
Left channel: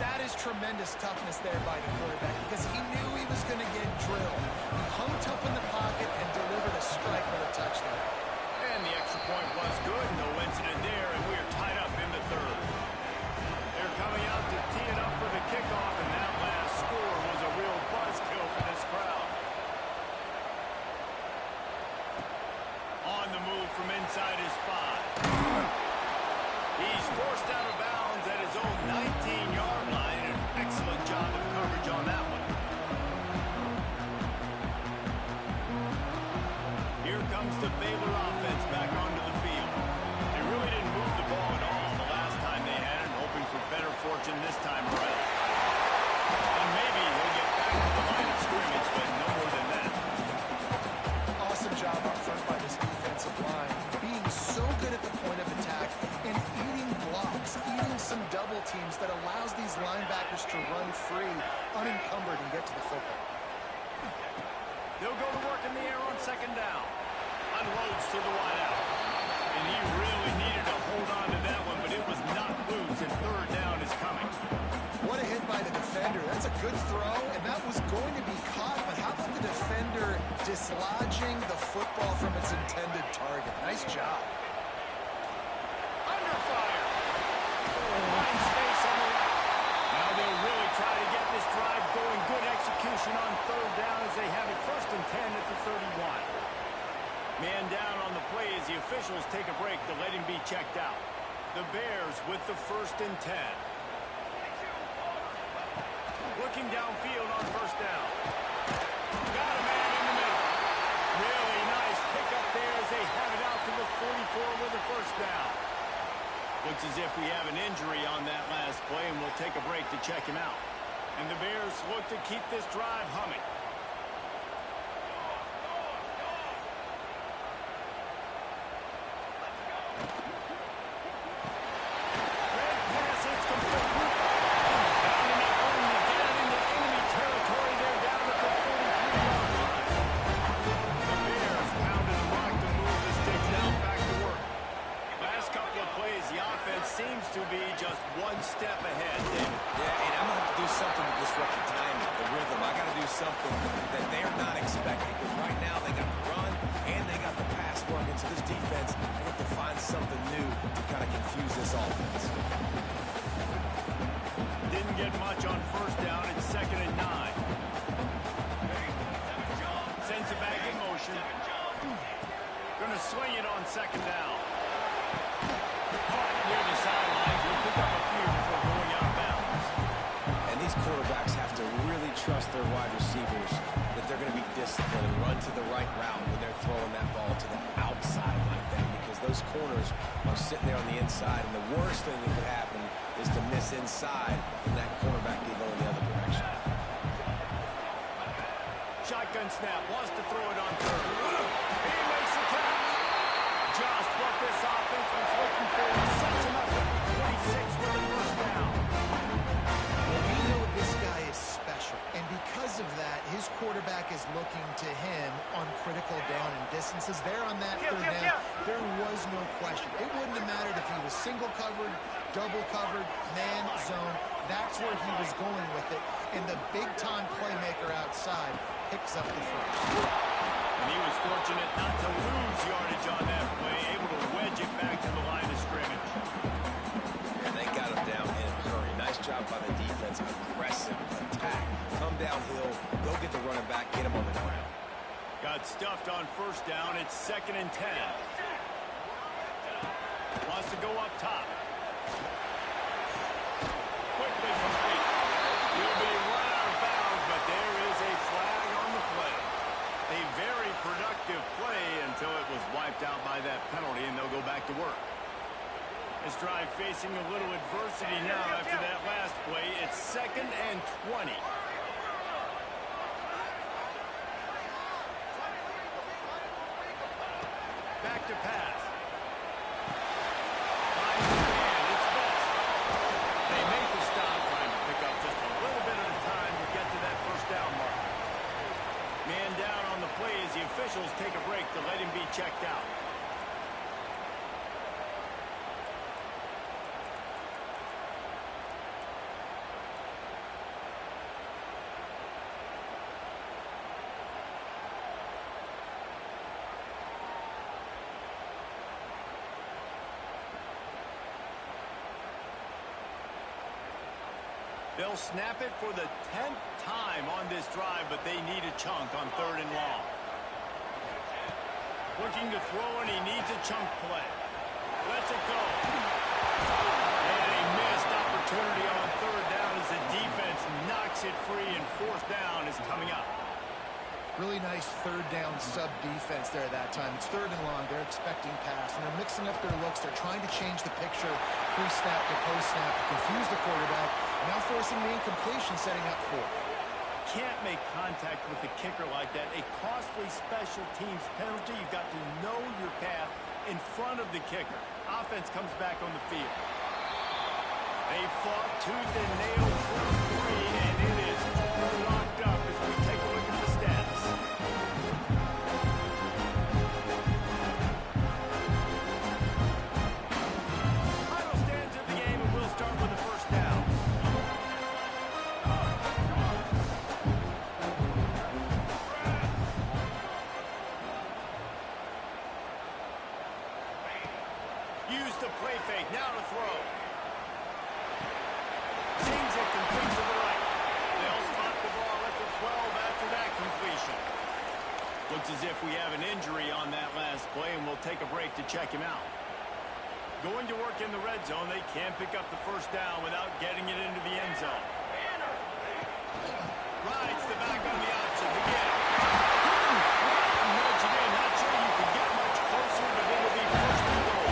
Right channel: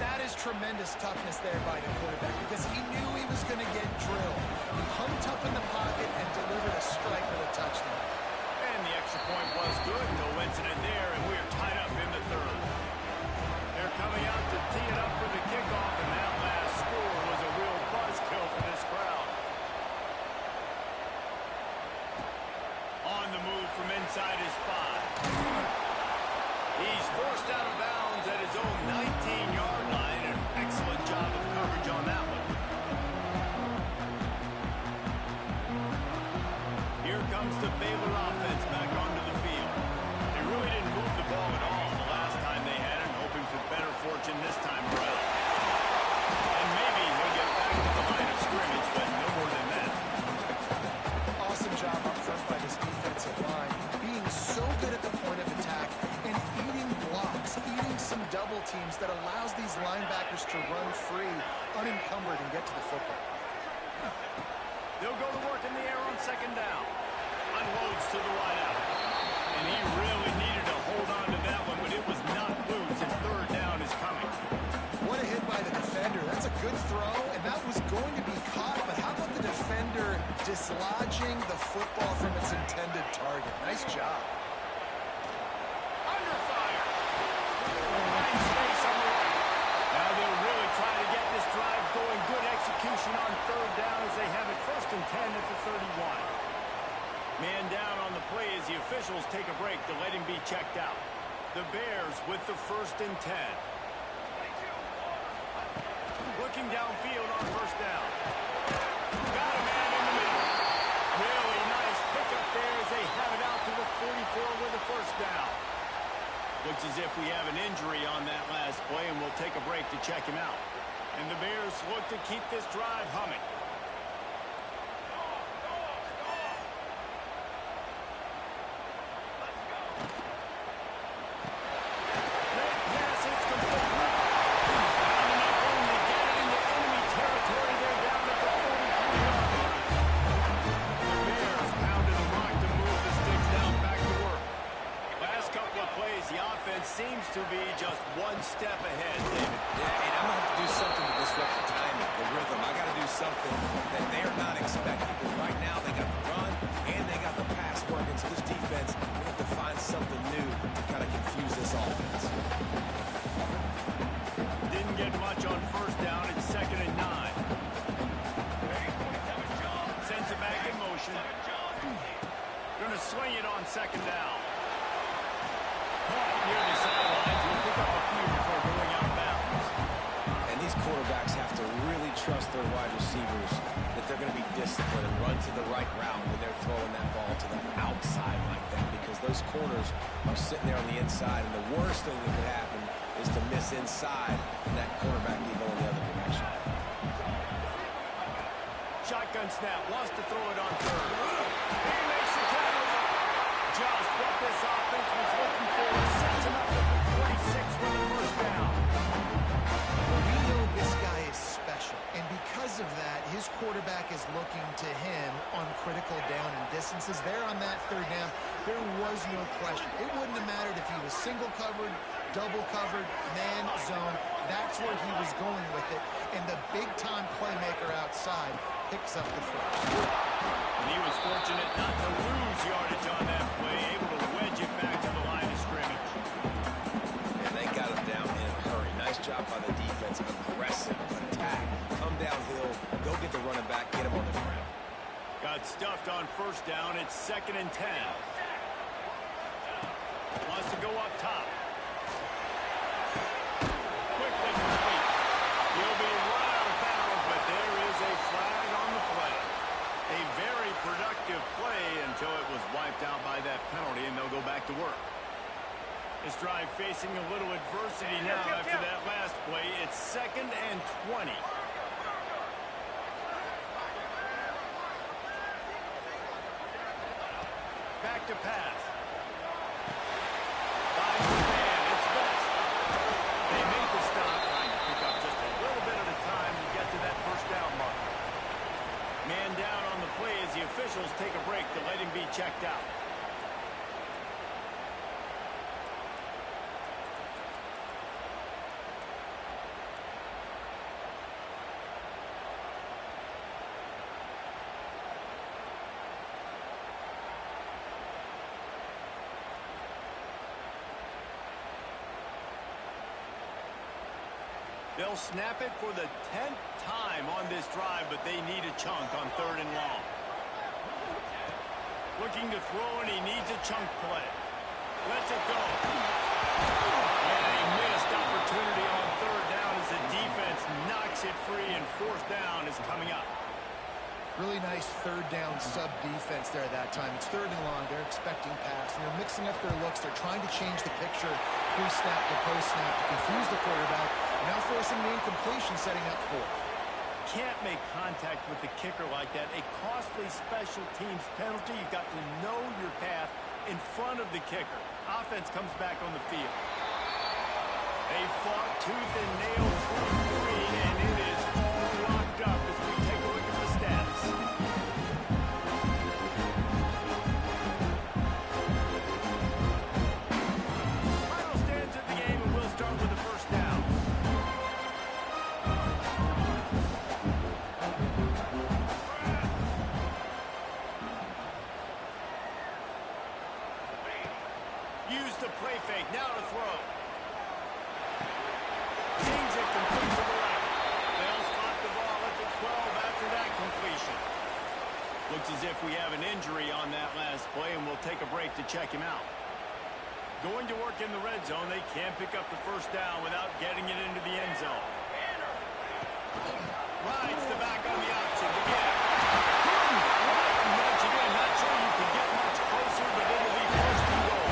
That is tremendous toughness there by the quarterback because he knew he was going to get drilled. He hung tough in the pocket and delivered a strike for the touchdown. And the extra point was good. No incident there, and we're tied up in the 3rd. They're coming out to tee it up for the kickoff, and that last score was a real buzzkill for this crowd. On the move from inside his 5. He's forced out of bounds at his own 19-yard line. An excellent job of coverage on that one. Here comes the Baylor offense back onto the field. They really didn't move the ball at all the last time they had it, hoping for better fortune this time around. And maybe he'll get back to the line of scrimmage, but no more than that. Awesome job up front by this defensive line, being so good at the point of attack and eating blocks, eating some double teams that allows these linebackers to run free, unencumbered, and get to the football. They'll go to work in the air on 2nd down. Unloads to the wideout. And he really needed to hold on to that one, but it was not loose, and 3rd down is coming. What a hit by the defender. That's a good throw, and that was going to be caught, but how about the defender dislodging the football from its intended target? Nice job. Under fire. Finds space on the right. Now they'll really try to get this drive going. Good execution on 3rd down as they have it 1st and 10 at the 31. Man down on the play as the officials take a break to let him be checked out. The Bears with the 1st and 10. Looking downfield on 1st down. Got a man in the middle. Really nice pickup there as they have it out to the 44 with the 1st down. Looks as if we have an injury on that last play, and we'll take a break to check him out. And the Bears look to keep this drive humming. Red pass, it's complete. Found enough room to get it into enemy territory. They're down at the 43-yard line. The Bears pounded the rock to move the sticks down back to work. Last couple of plays, the offense seems to be just one step ahead, David. Yeah, and I'm going to have to do something to disrupt the timing, the rhythm. I got to do something that they're not expecting, because right now they got the run and they got the pass working. So this defense, they have to find something new to kind of confuse this offense. Didn't get much on 1st down. It's 2nd and 9. Sends it back in motion. Going to swing it on 2nd down. Caught near the sidelines. Will pick up a few before going out of bounds. And these quarterbacks have to really trust their wide receivers that they're going to be disciplined and run to the right route when they're throwing that ball to the outside like that, because those corners are sitting there on the inside, and the worst thing that could happen is to miss inside and that cornerback get going the other direction. Shotgun snap. Wants to throw it on 3rd. He makes the catch. Just what this offense was looking for. Sets him up at the 26 with the 1st down. Well, we know this guy is special, and because of that, his quarterback is looking to him on critical down and distances. There on that 3rd down, there was no question. It wouldn't have mattered if he was single covered, double covered, man, zone. That's where he was going with it, and the big-time playmaker outside picks up the 1st. And he was fortunate not to lose yardage on that play, able to wedge it back to the line of scrimmage. And they got him down in a hurry. Nice job job by the defense. Aggressive, attack, come downhill, go get the running back, get him on the ground. Got stuffed on first down. It's 2nd and 10. Wants to go up top. Quickly complete. He'll be run out of bounds, but there is a flag on the play. A very productive play until it was wiped out by that penalty, and they'll go back to work. This drive facing a little adversity now after that last play. It's 2nd and 20. Back to pass. Finds the man. It's best. They make the stop, trying to pick up just a little bit at a time to get to that first down marker. Man down on the play as the officials take a break to let him be checked out. They'll snap it for the 10th time on this drive, but they need a chunk on 3rd and long. Looking to throw, and he needs a chunk play. Lets it go. And a missed opportunity on 3rd down as the defense knocks it free, and 4th down is coming up. Really nice 3rd down sub defense there that time. It's 3rd and long. They're expecting pass, and they're mixing up their looks. They're trying to change the picture pre-snap to post-snap to confuse the quarterback. Now forcing the incompletion, setting up 4th. Can't make contact with the kicker like that. A costly special teams penalty. You've got to know your path in front of the kicker. Offense comes back on the field. They fought tooth and nail through 3, and it is all locked up as we take a look at the stats. Final stands of the game, and we'll start with the first down. Use the play fake, now to throw. Seems it complete to the right. They'll spot the ball at the 12 after that completion. Looks as if we have an injury on that last play, and we'll take a break to check him out. Going to work in the red zone. They can't pick up the first down without getting it into the end zone. Rides the back on the option to get it. Couldn't quite nudge it in. Not sure you could get much closer, but it'll be 1st and goal.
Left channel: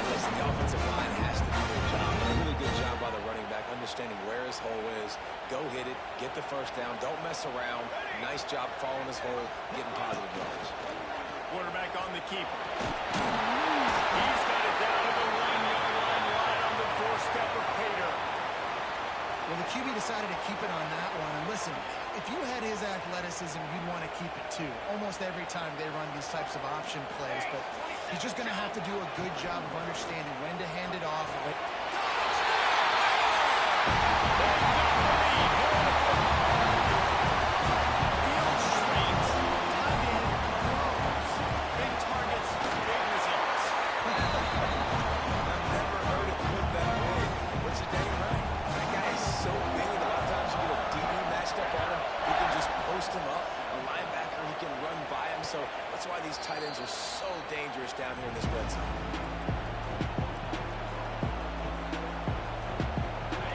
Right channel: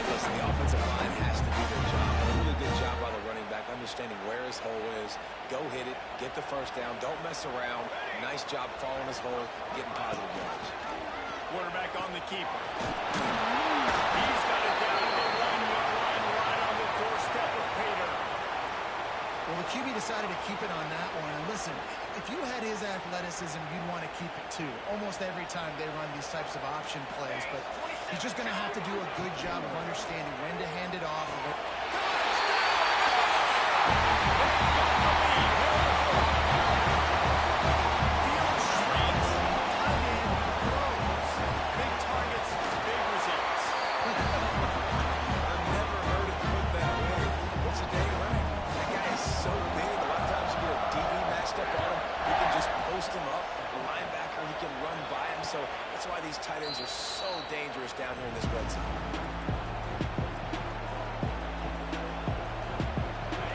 And listen, the offensive line has to do their job. A really good job by the running back, understanding where his hole is. Go hit it, get the first down, don't mess around. Nice job following his hole, getting positive yards. Quarterback on the keeper. He's got it down to the 1-yard line, right on the doorstep of Pater. Well, the QB decided to keep it on that one. And listen, if you had his athleticism, you'd want to keep it too. Almost every time they run these types of option plays. But he's just going to have to do a good job of understanding when to hand it off. They've got the lead here in the 4th. Field shrinks, tight end grows. Big targets, big results. I've never heard it put that way. What's the dang right? That guy is so big. A lot of times you get a DB matched up on him. He can just post him up. A linebacker, he can run by him. So that's why these tight ends are so dangerous down here in this red zone.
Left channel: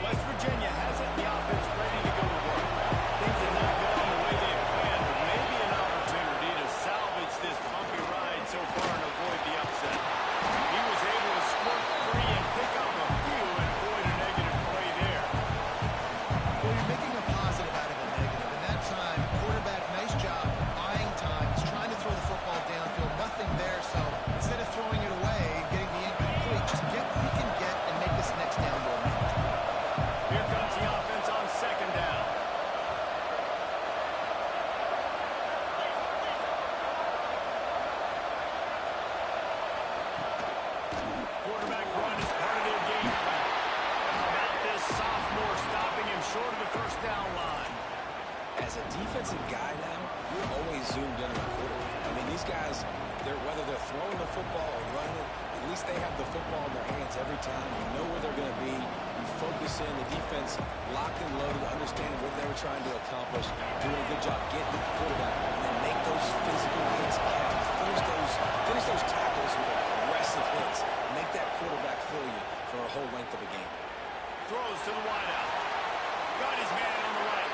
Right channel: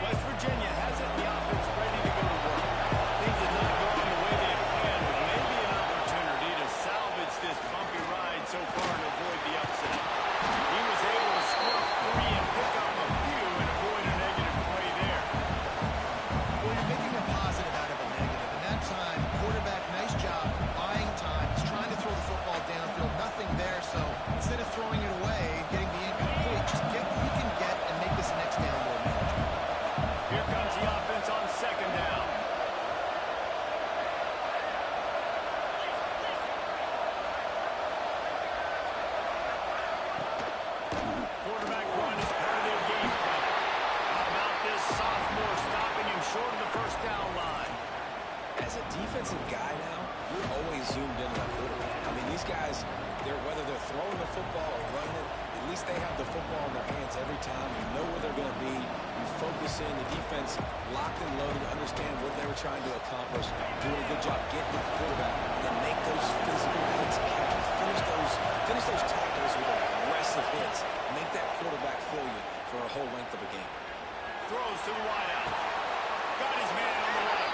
West Virginia has it in the offense ready to go to work. Things have not gone the way they had planned, but maybe an opportunity to salvage this bumpy ride so far and avoid the upset. He was able to squirt free and pick up a few and avoid a negative play there. Well, you're making a positive out of a negative. And that time, quarterback, nice job, buying time. He's trying to throw the football downfield. Nothing there, so instead of throwing it away and getting the incomplete, just get what you can get and make this next down more manageable. Here comes the offense on 2nd down. Quarterback run is part of their game plan. How about this sophomore stopping him short of the first down line? As a defensive guy now, you're always zoomed in on the quarterback. mean, these guys, whether they're throwing the football or running it, at least they have the football in their hands every time. You know where they're going to be. You focus in. The defense locked and loaded, understand what they were trying to accomplish, doing a good job getting to the quarterback, and then make those physical hits count. Finish those tackles with aggressive hits. Make that quarterback feel you for a whole length of a game. Throws to the wideout. Got his man on the right.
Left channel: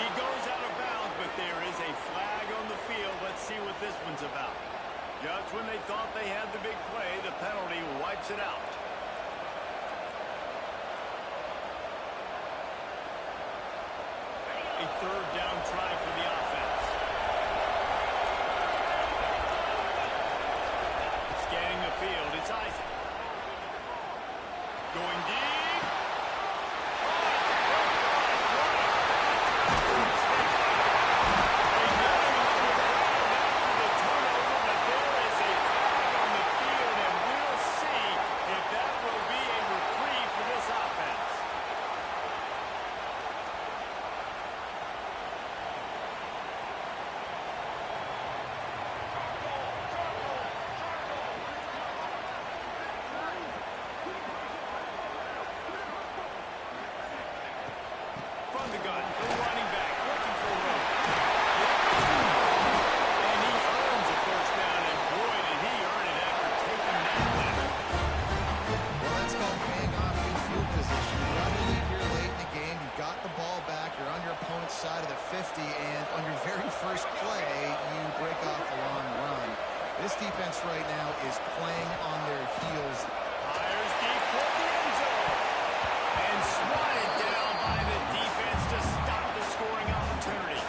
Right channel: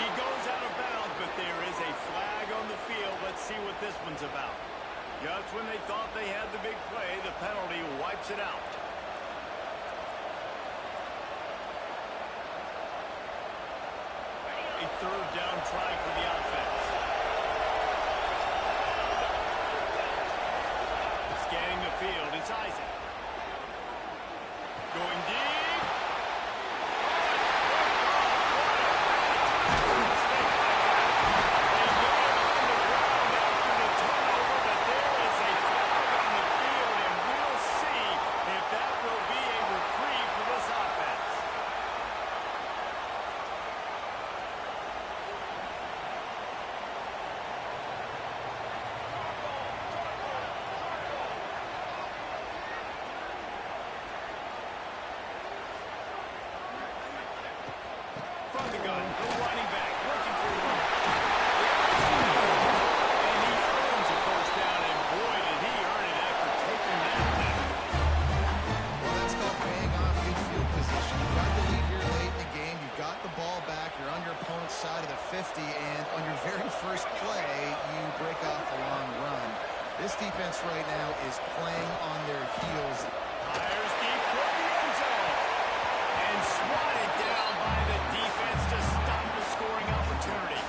He goes out of bounds, but there is a flag on the field. Let's see what this one's about. Just when they thought they had the big play, the penalty wipes it out. A third down try for the offense. Scanning the field, it's Isaac. Going deep. Oh, it's broke off. What a bad tackle mistake by that. They get him on the ground after the turnover, but there is a flag on the field, and we'll see if that will be a reprieve for this offense. From the gun, the running back, looking for room. And he earns a first down, and boy, did he earn it after taking that lift. Well, that's called paying off good field position. You've got the lead here late in the game. You've got the ball back. You're on your opponent's side of the 50, and on your very first play, you break off a long run. This defense right now is playing on their heels. Fires deep toward the end zone. And swatted down by the defense to stop the scoring opportunity.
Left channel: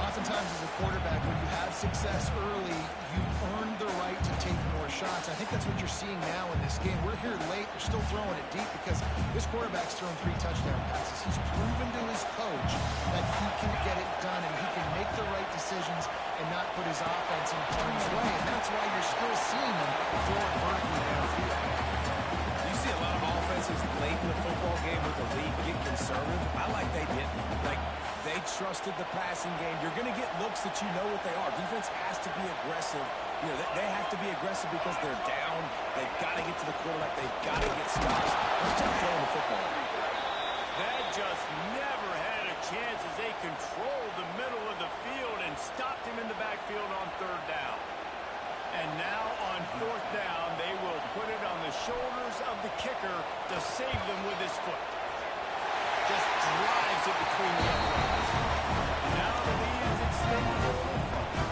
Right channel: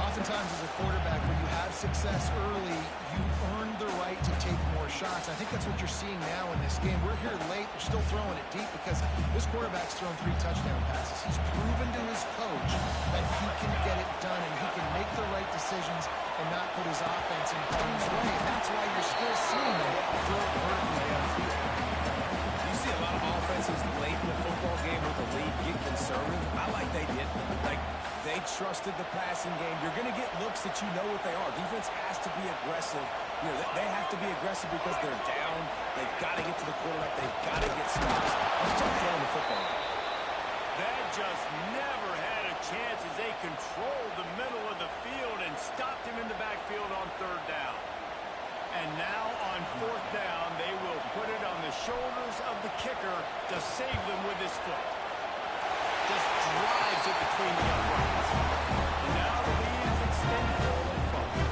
Oftentimes as a quarterback, when you have success early, you earn the right to take more shots. I think that's what you're seeing now in this game. We're here late. They're still throwing it deep because this quarterback's thrown 3 touchdown passes. He's proven to his coach that he can get it done and he can make the right decisions and not put his offense in harm's way. And that's why you're still seeing him throw it vertically downfield. You see a lot of offenses late in the football game with the lead get conservative. I like they did. Like, they trusted the passing game. You're going to get looks that you know what they are. Defense has to be aggressive. You know, they have to be aggressive because they're down. They've got to get to the quarterback. They've got to get stops. Let's start throwing the football. That just never had a chance as they controlled the middle of the field and stopped him in the backfield on third down. And now on fourth down, they will put it on the shoulders of the kicker to save them with his foot. Just drives it between the uprights. And now the lead is extended a little further.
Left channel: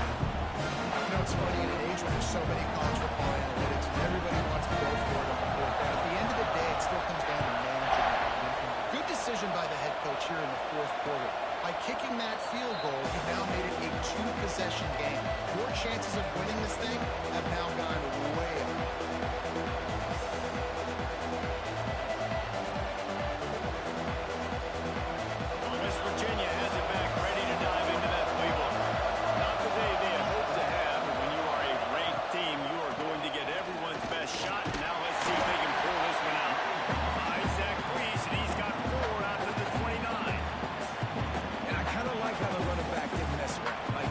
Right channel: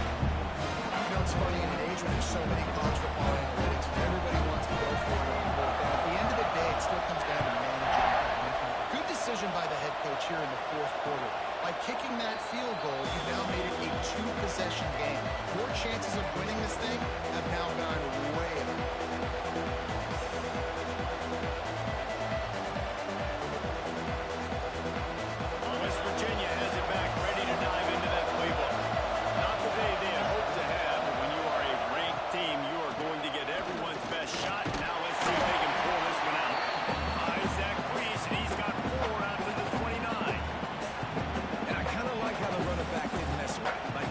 You know, it's funny in an age when there's so many college football analytics and everybody wants to go for it on fourth down. At the end of the day, it still comes down to managing the game. Good decision by the head coach here in the fourth quarter. By kicking that field goal, you've now made it a 2-possession game. Your chances of winning this thing have now gone way up. West Virginia has it back, ready to dive into that playbook. Not the day they had hoped to have, but when you are a ranked team, you are going to get everyone's best shot. Now let's see if they can pull this one out. Isaac Priest, and he's got 4 out to the 29. And I kind of like how the running back didn't mess around. Like,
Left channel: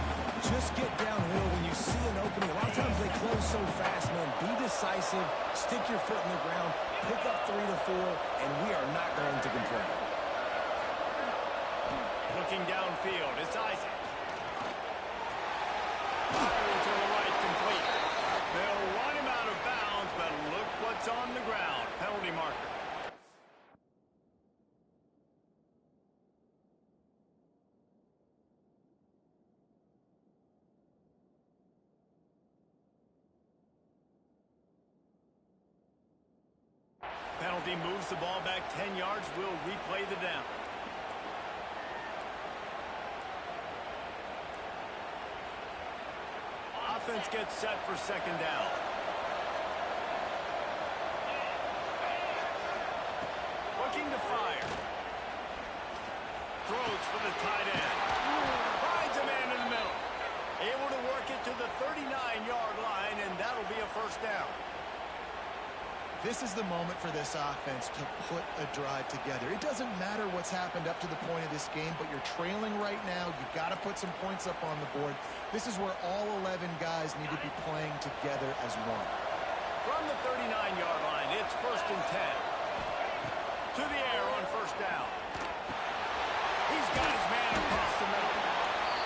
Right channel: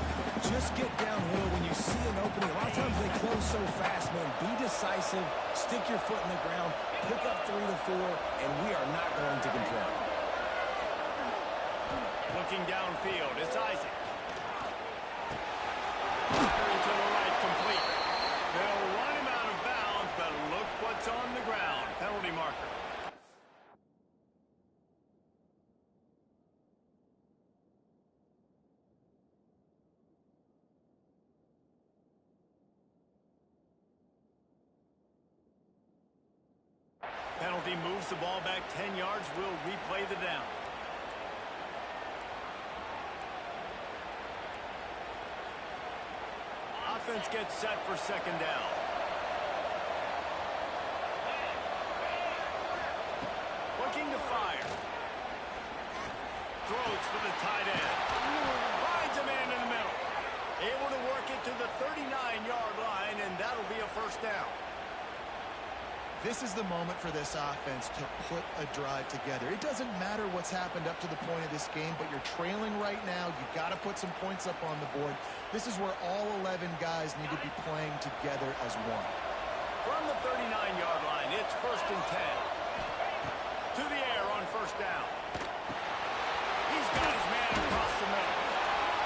just get downhill when you see an opening. A lot of times they close so fast, man. Be decisive, stick your foot in the ground, pick up 3 to 4, and we are not going to complain. Looking downfield, it's Isaac. Firing to the right, complete. They'll run him out of bounds, but look what's on the ground. Penalty marker. Penalty moves the ball back 10 yards. We'll replay the down. Offense gets set for second down. Looking to fire. Throws for the tight end. Finds a man in the middle. Able to work it to the 39-yard line, and that'll be a first down. This is the moment for this offense to put a drive together. It doesn't matter what's happened up to the point of this game, but you're trailing right now. You got to put some points up on the board. This is where all 11 guys need to be playing together as one. From the 39-yard line, it's 1st and 10. To the air on 1st down. He's got his man across the middle.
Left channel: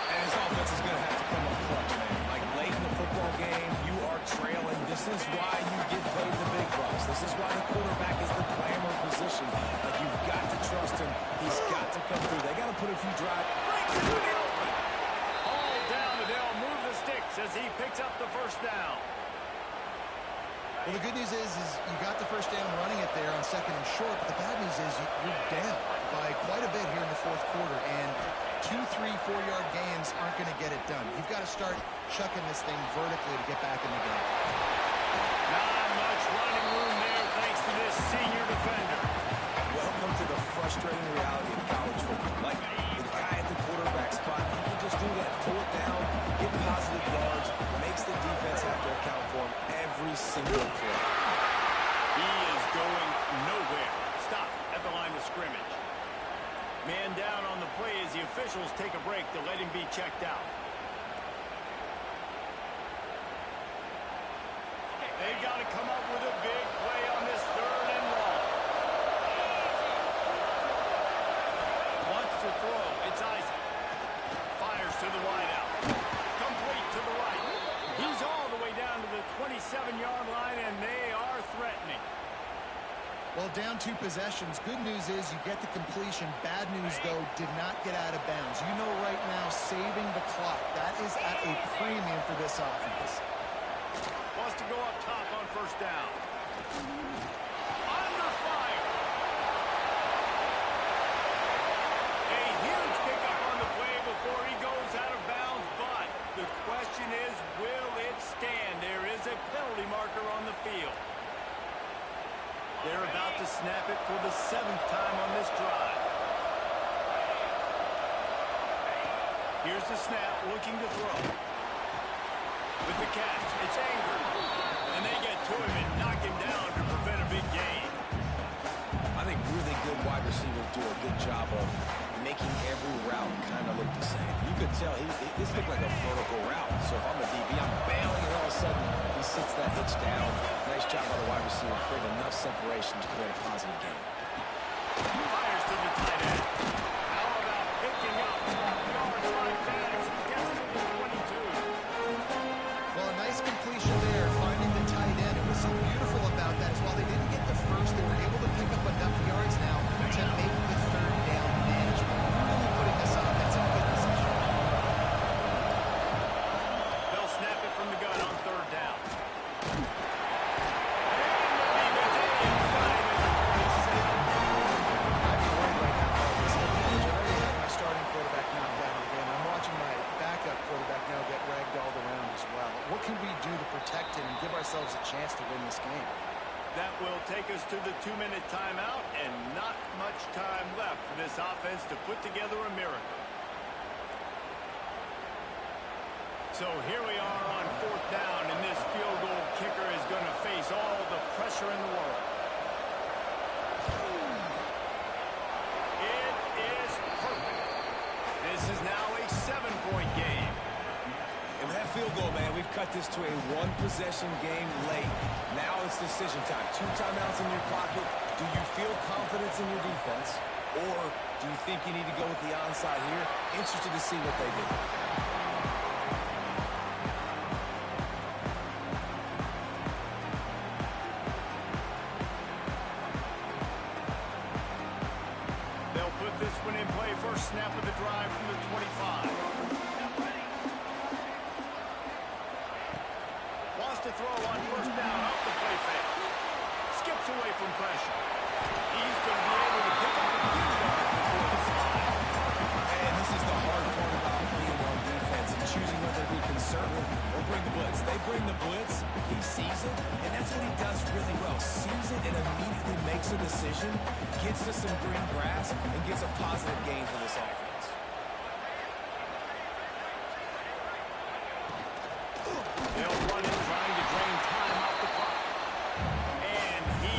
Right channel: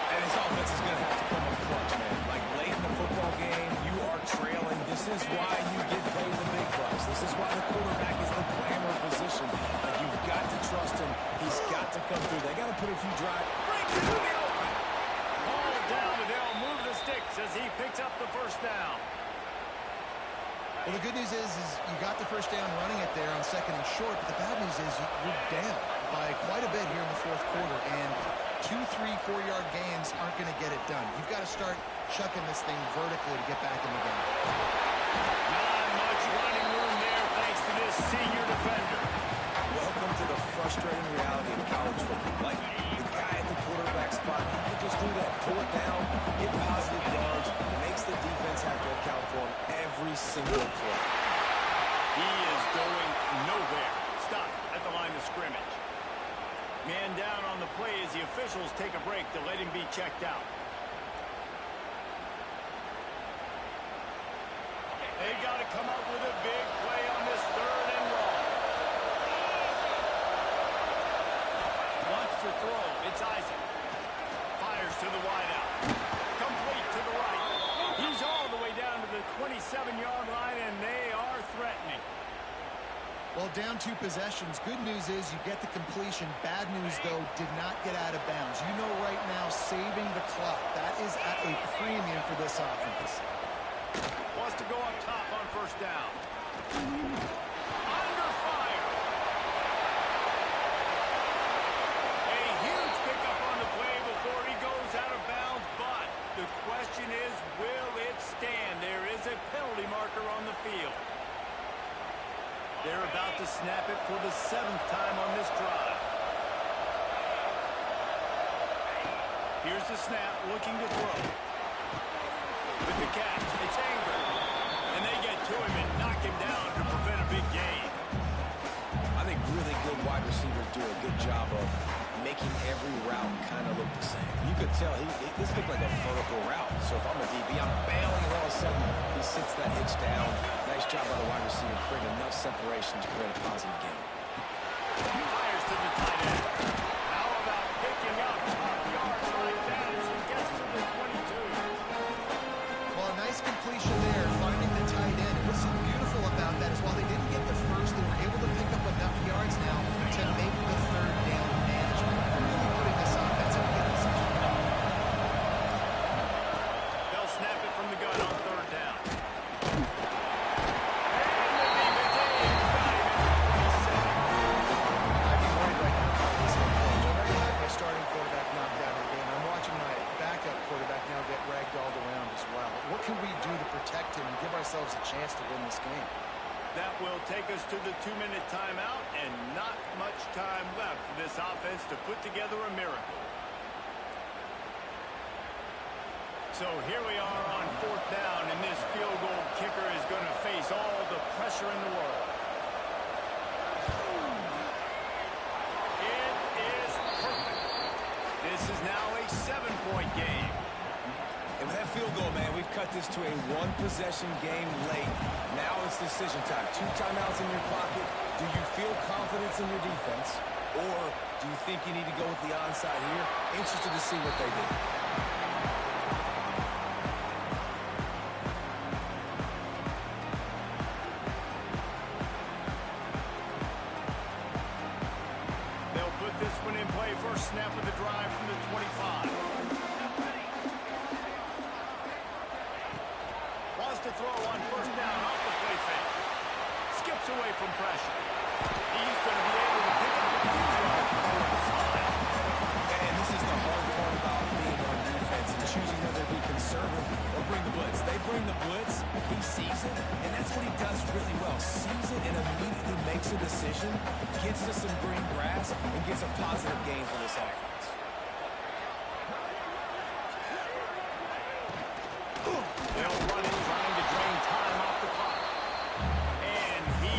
And his offense is going to have to come up clutch, man. Like, late in the football game, you are trailing. This is why you get paid the big bucks. This is why the quarterback is the glamour position. Like, you've got to trust him. He's got to come through. They got to put a few drives. Breaks into the open. All down, and they'll move the sticks as he picks up the 1st down. Well, the good news is you got the 1st down running it there on 2nd and short, but the bad news is you're down by quite a bit here in the 4th quarter, and 2, 3, 4-yard gains aren't going to get it done. You've got to start chucking this thing vertically to get back in the game. Not much running room there thanks to this senior defender. Welcome to the frustrating reality of college football. Like, the guy at the quarterback spot, he can just do that. Pull it down, get positive yards, makes the defense have to account for him every single play. He is going nowhere. Stop at the line of scrimmage. Man down on the play as the officials take a break to let him be checked out. They've got to come up with a big play on this 3rd and long. Wants to throw. It's Isaac. Fires to the wideout. Complete to the right. He's all the way down to the 27-yard line, and they are threatening. Well, down 2 possessions. Good news is you get the completion. Bad news, though, did not get out of bounds. You know right now, saving the clock. That is at a premium for this offense. Wants to go up top on 1st down. Under fire. A huge pickup on the play before he goes out of bounds, but the question is, will it stand? There is a penalty marker on the field. They're about to snap it for the 7th time on this drive. Here's the snap, looking to throw. With the catch, it's Anger. And they get to him and knock him down to prevent a big gain. I think really good wide receivers do a good job of making every route kind of look the same. You could tell this looked like a vertical route. So if I'm a DB, I'm bailing, and all of a sudden he sits that hitch down. Nice job by the wide receiver, create enough separation to create a positive gain. Fires to the tight end. How about picking up top yards like that as he gets to the 22? Well, a nice completion there, finding the tight end. And what's so beautiful about that is while they didn't get the first, they were able to pick up enough yards now to make the 3rd down management. Really putting this offense in a good position. They'll snap it from the gun on 3rd down. And the defense got him at the 27. I'd be worried right now about this head coach. I've already had my starting quarterback knocked out of the game. I'm watching my backup quarterback now get ragdolled around as well. What can we do to protect him and give ourselves a chance to win this game? That will take us to the 2-minute timeout, and not much time left for this offense to put together a miracle. So here we are on 4th down, and this field goal kicker is going to face all the pressure in the world. It is perfect. This is now a 7-point game. And with that field goal, man, we've cut this to a 1-possession game late. Now it's decision time. 2 timeouts in your pocket. Do you feel confidence in your defense? Or do you think you need to go with the onside here? Interested to see what they do. They'll put this one in play. First snap of the drive from the 25. Wants to throw on 1st down off the play fake. Skips away from pressure. He's going to be able to pick up a few yards before the slide. And this is the hard part about being on defense and choosing whether to be conservative or bring the blitz. They bring the blitz, he sees it, and that's what he does really well. Sees it and immediately makes a decision, gets to some green grass, and gets a positive gain for this offense. They'll run it, trying to drain time off the clock. And he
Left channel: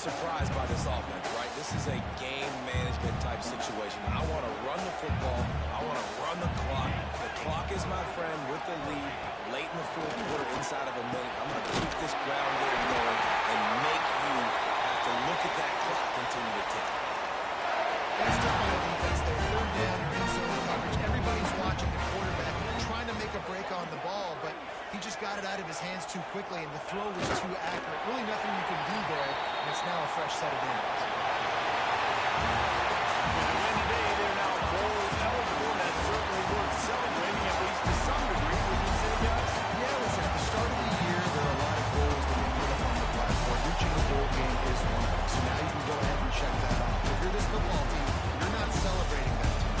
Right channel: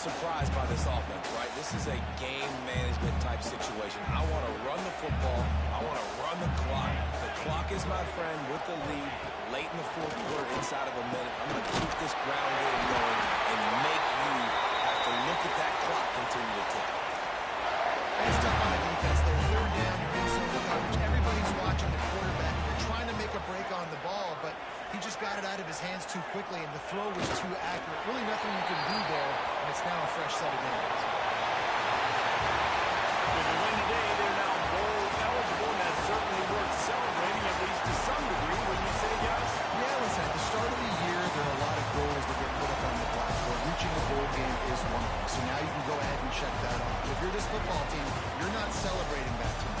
surprised by this offense, right? This is a game management type situation. I want to run the football. I want to run the clock. The clock is my friend with the lead late in the fourth quarter inside of a minute. I'm going to keep this ground game going and make you have to look at that clock continue to tick. That's tough on the defense there. Third down, you're in zone coverage. Everybody's watching the quarterback. You're trying to make a break on the ball, but he just got it out of his hands too quickly, and the throw was too accurate. Really nothing you can do there, and it's now a fresh set of downs. With the win today, they're now bowl eligible, and that's certainly worth celebrating, at least to some degree, when you say, guys? Yeah, listen, at the start of the year, there are a lot of goals that get put up on the blackboard. Reaching a bowl game is one of them. So now you can go ahead and check that off. If you're this football team, you're not celebrating that tonight.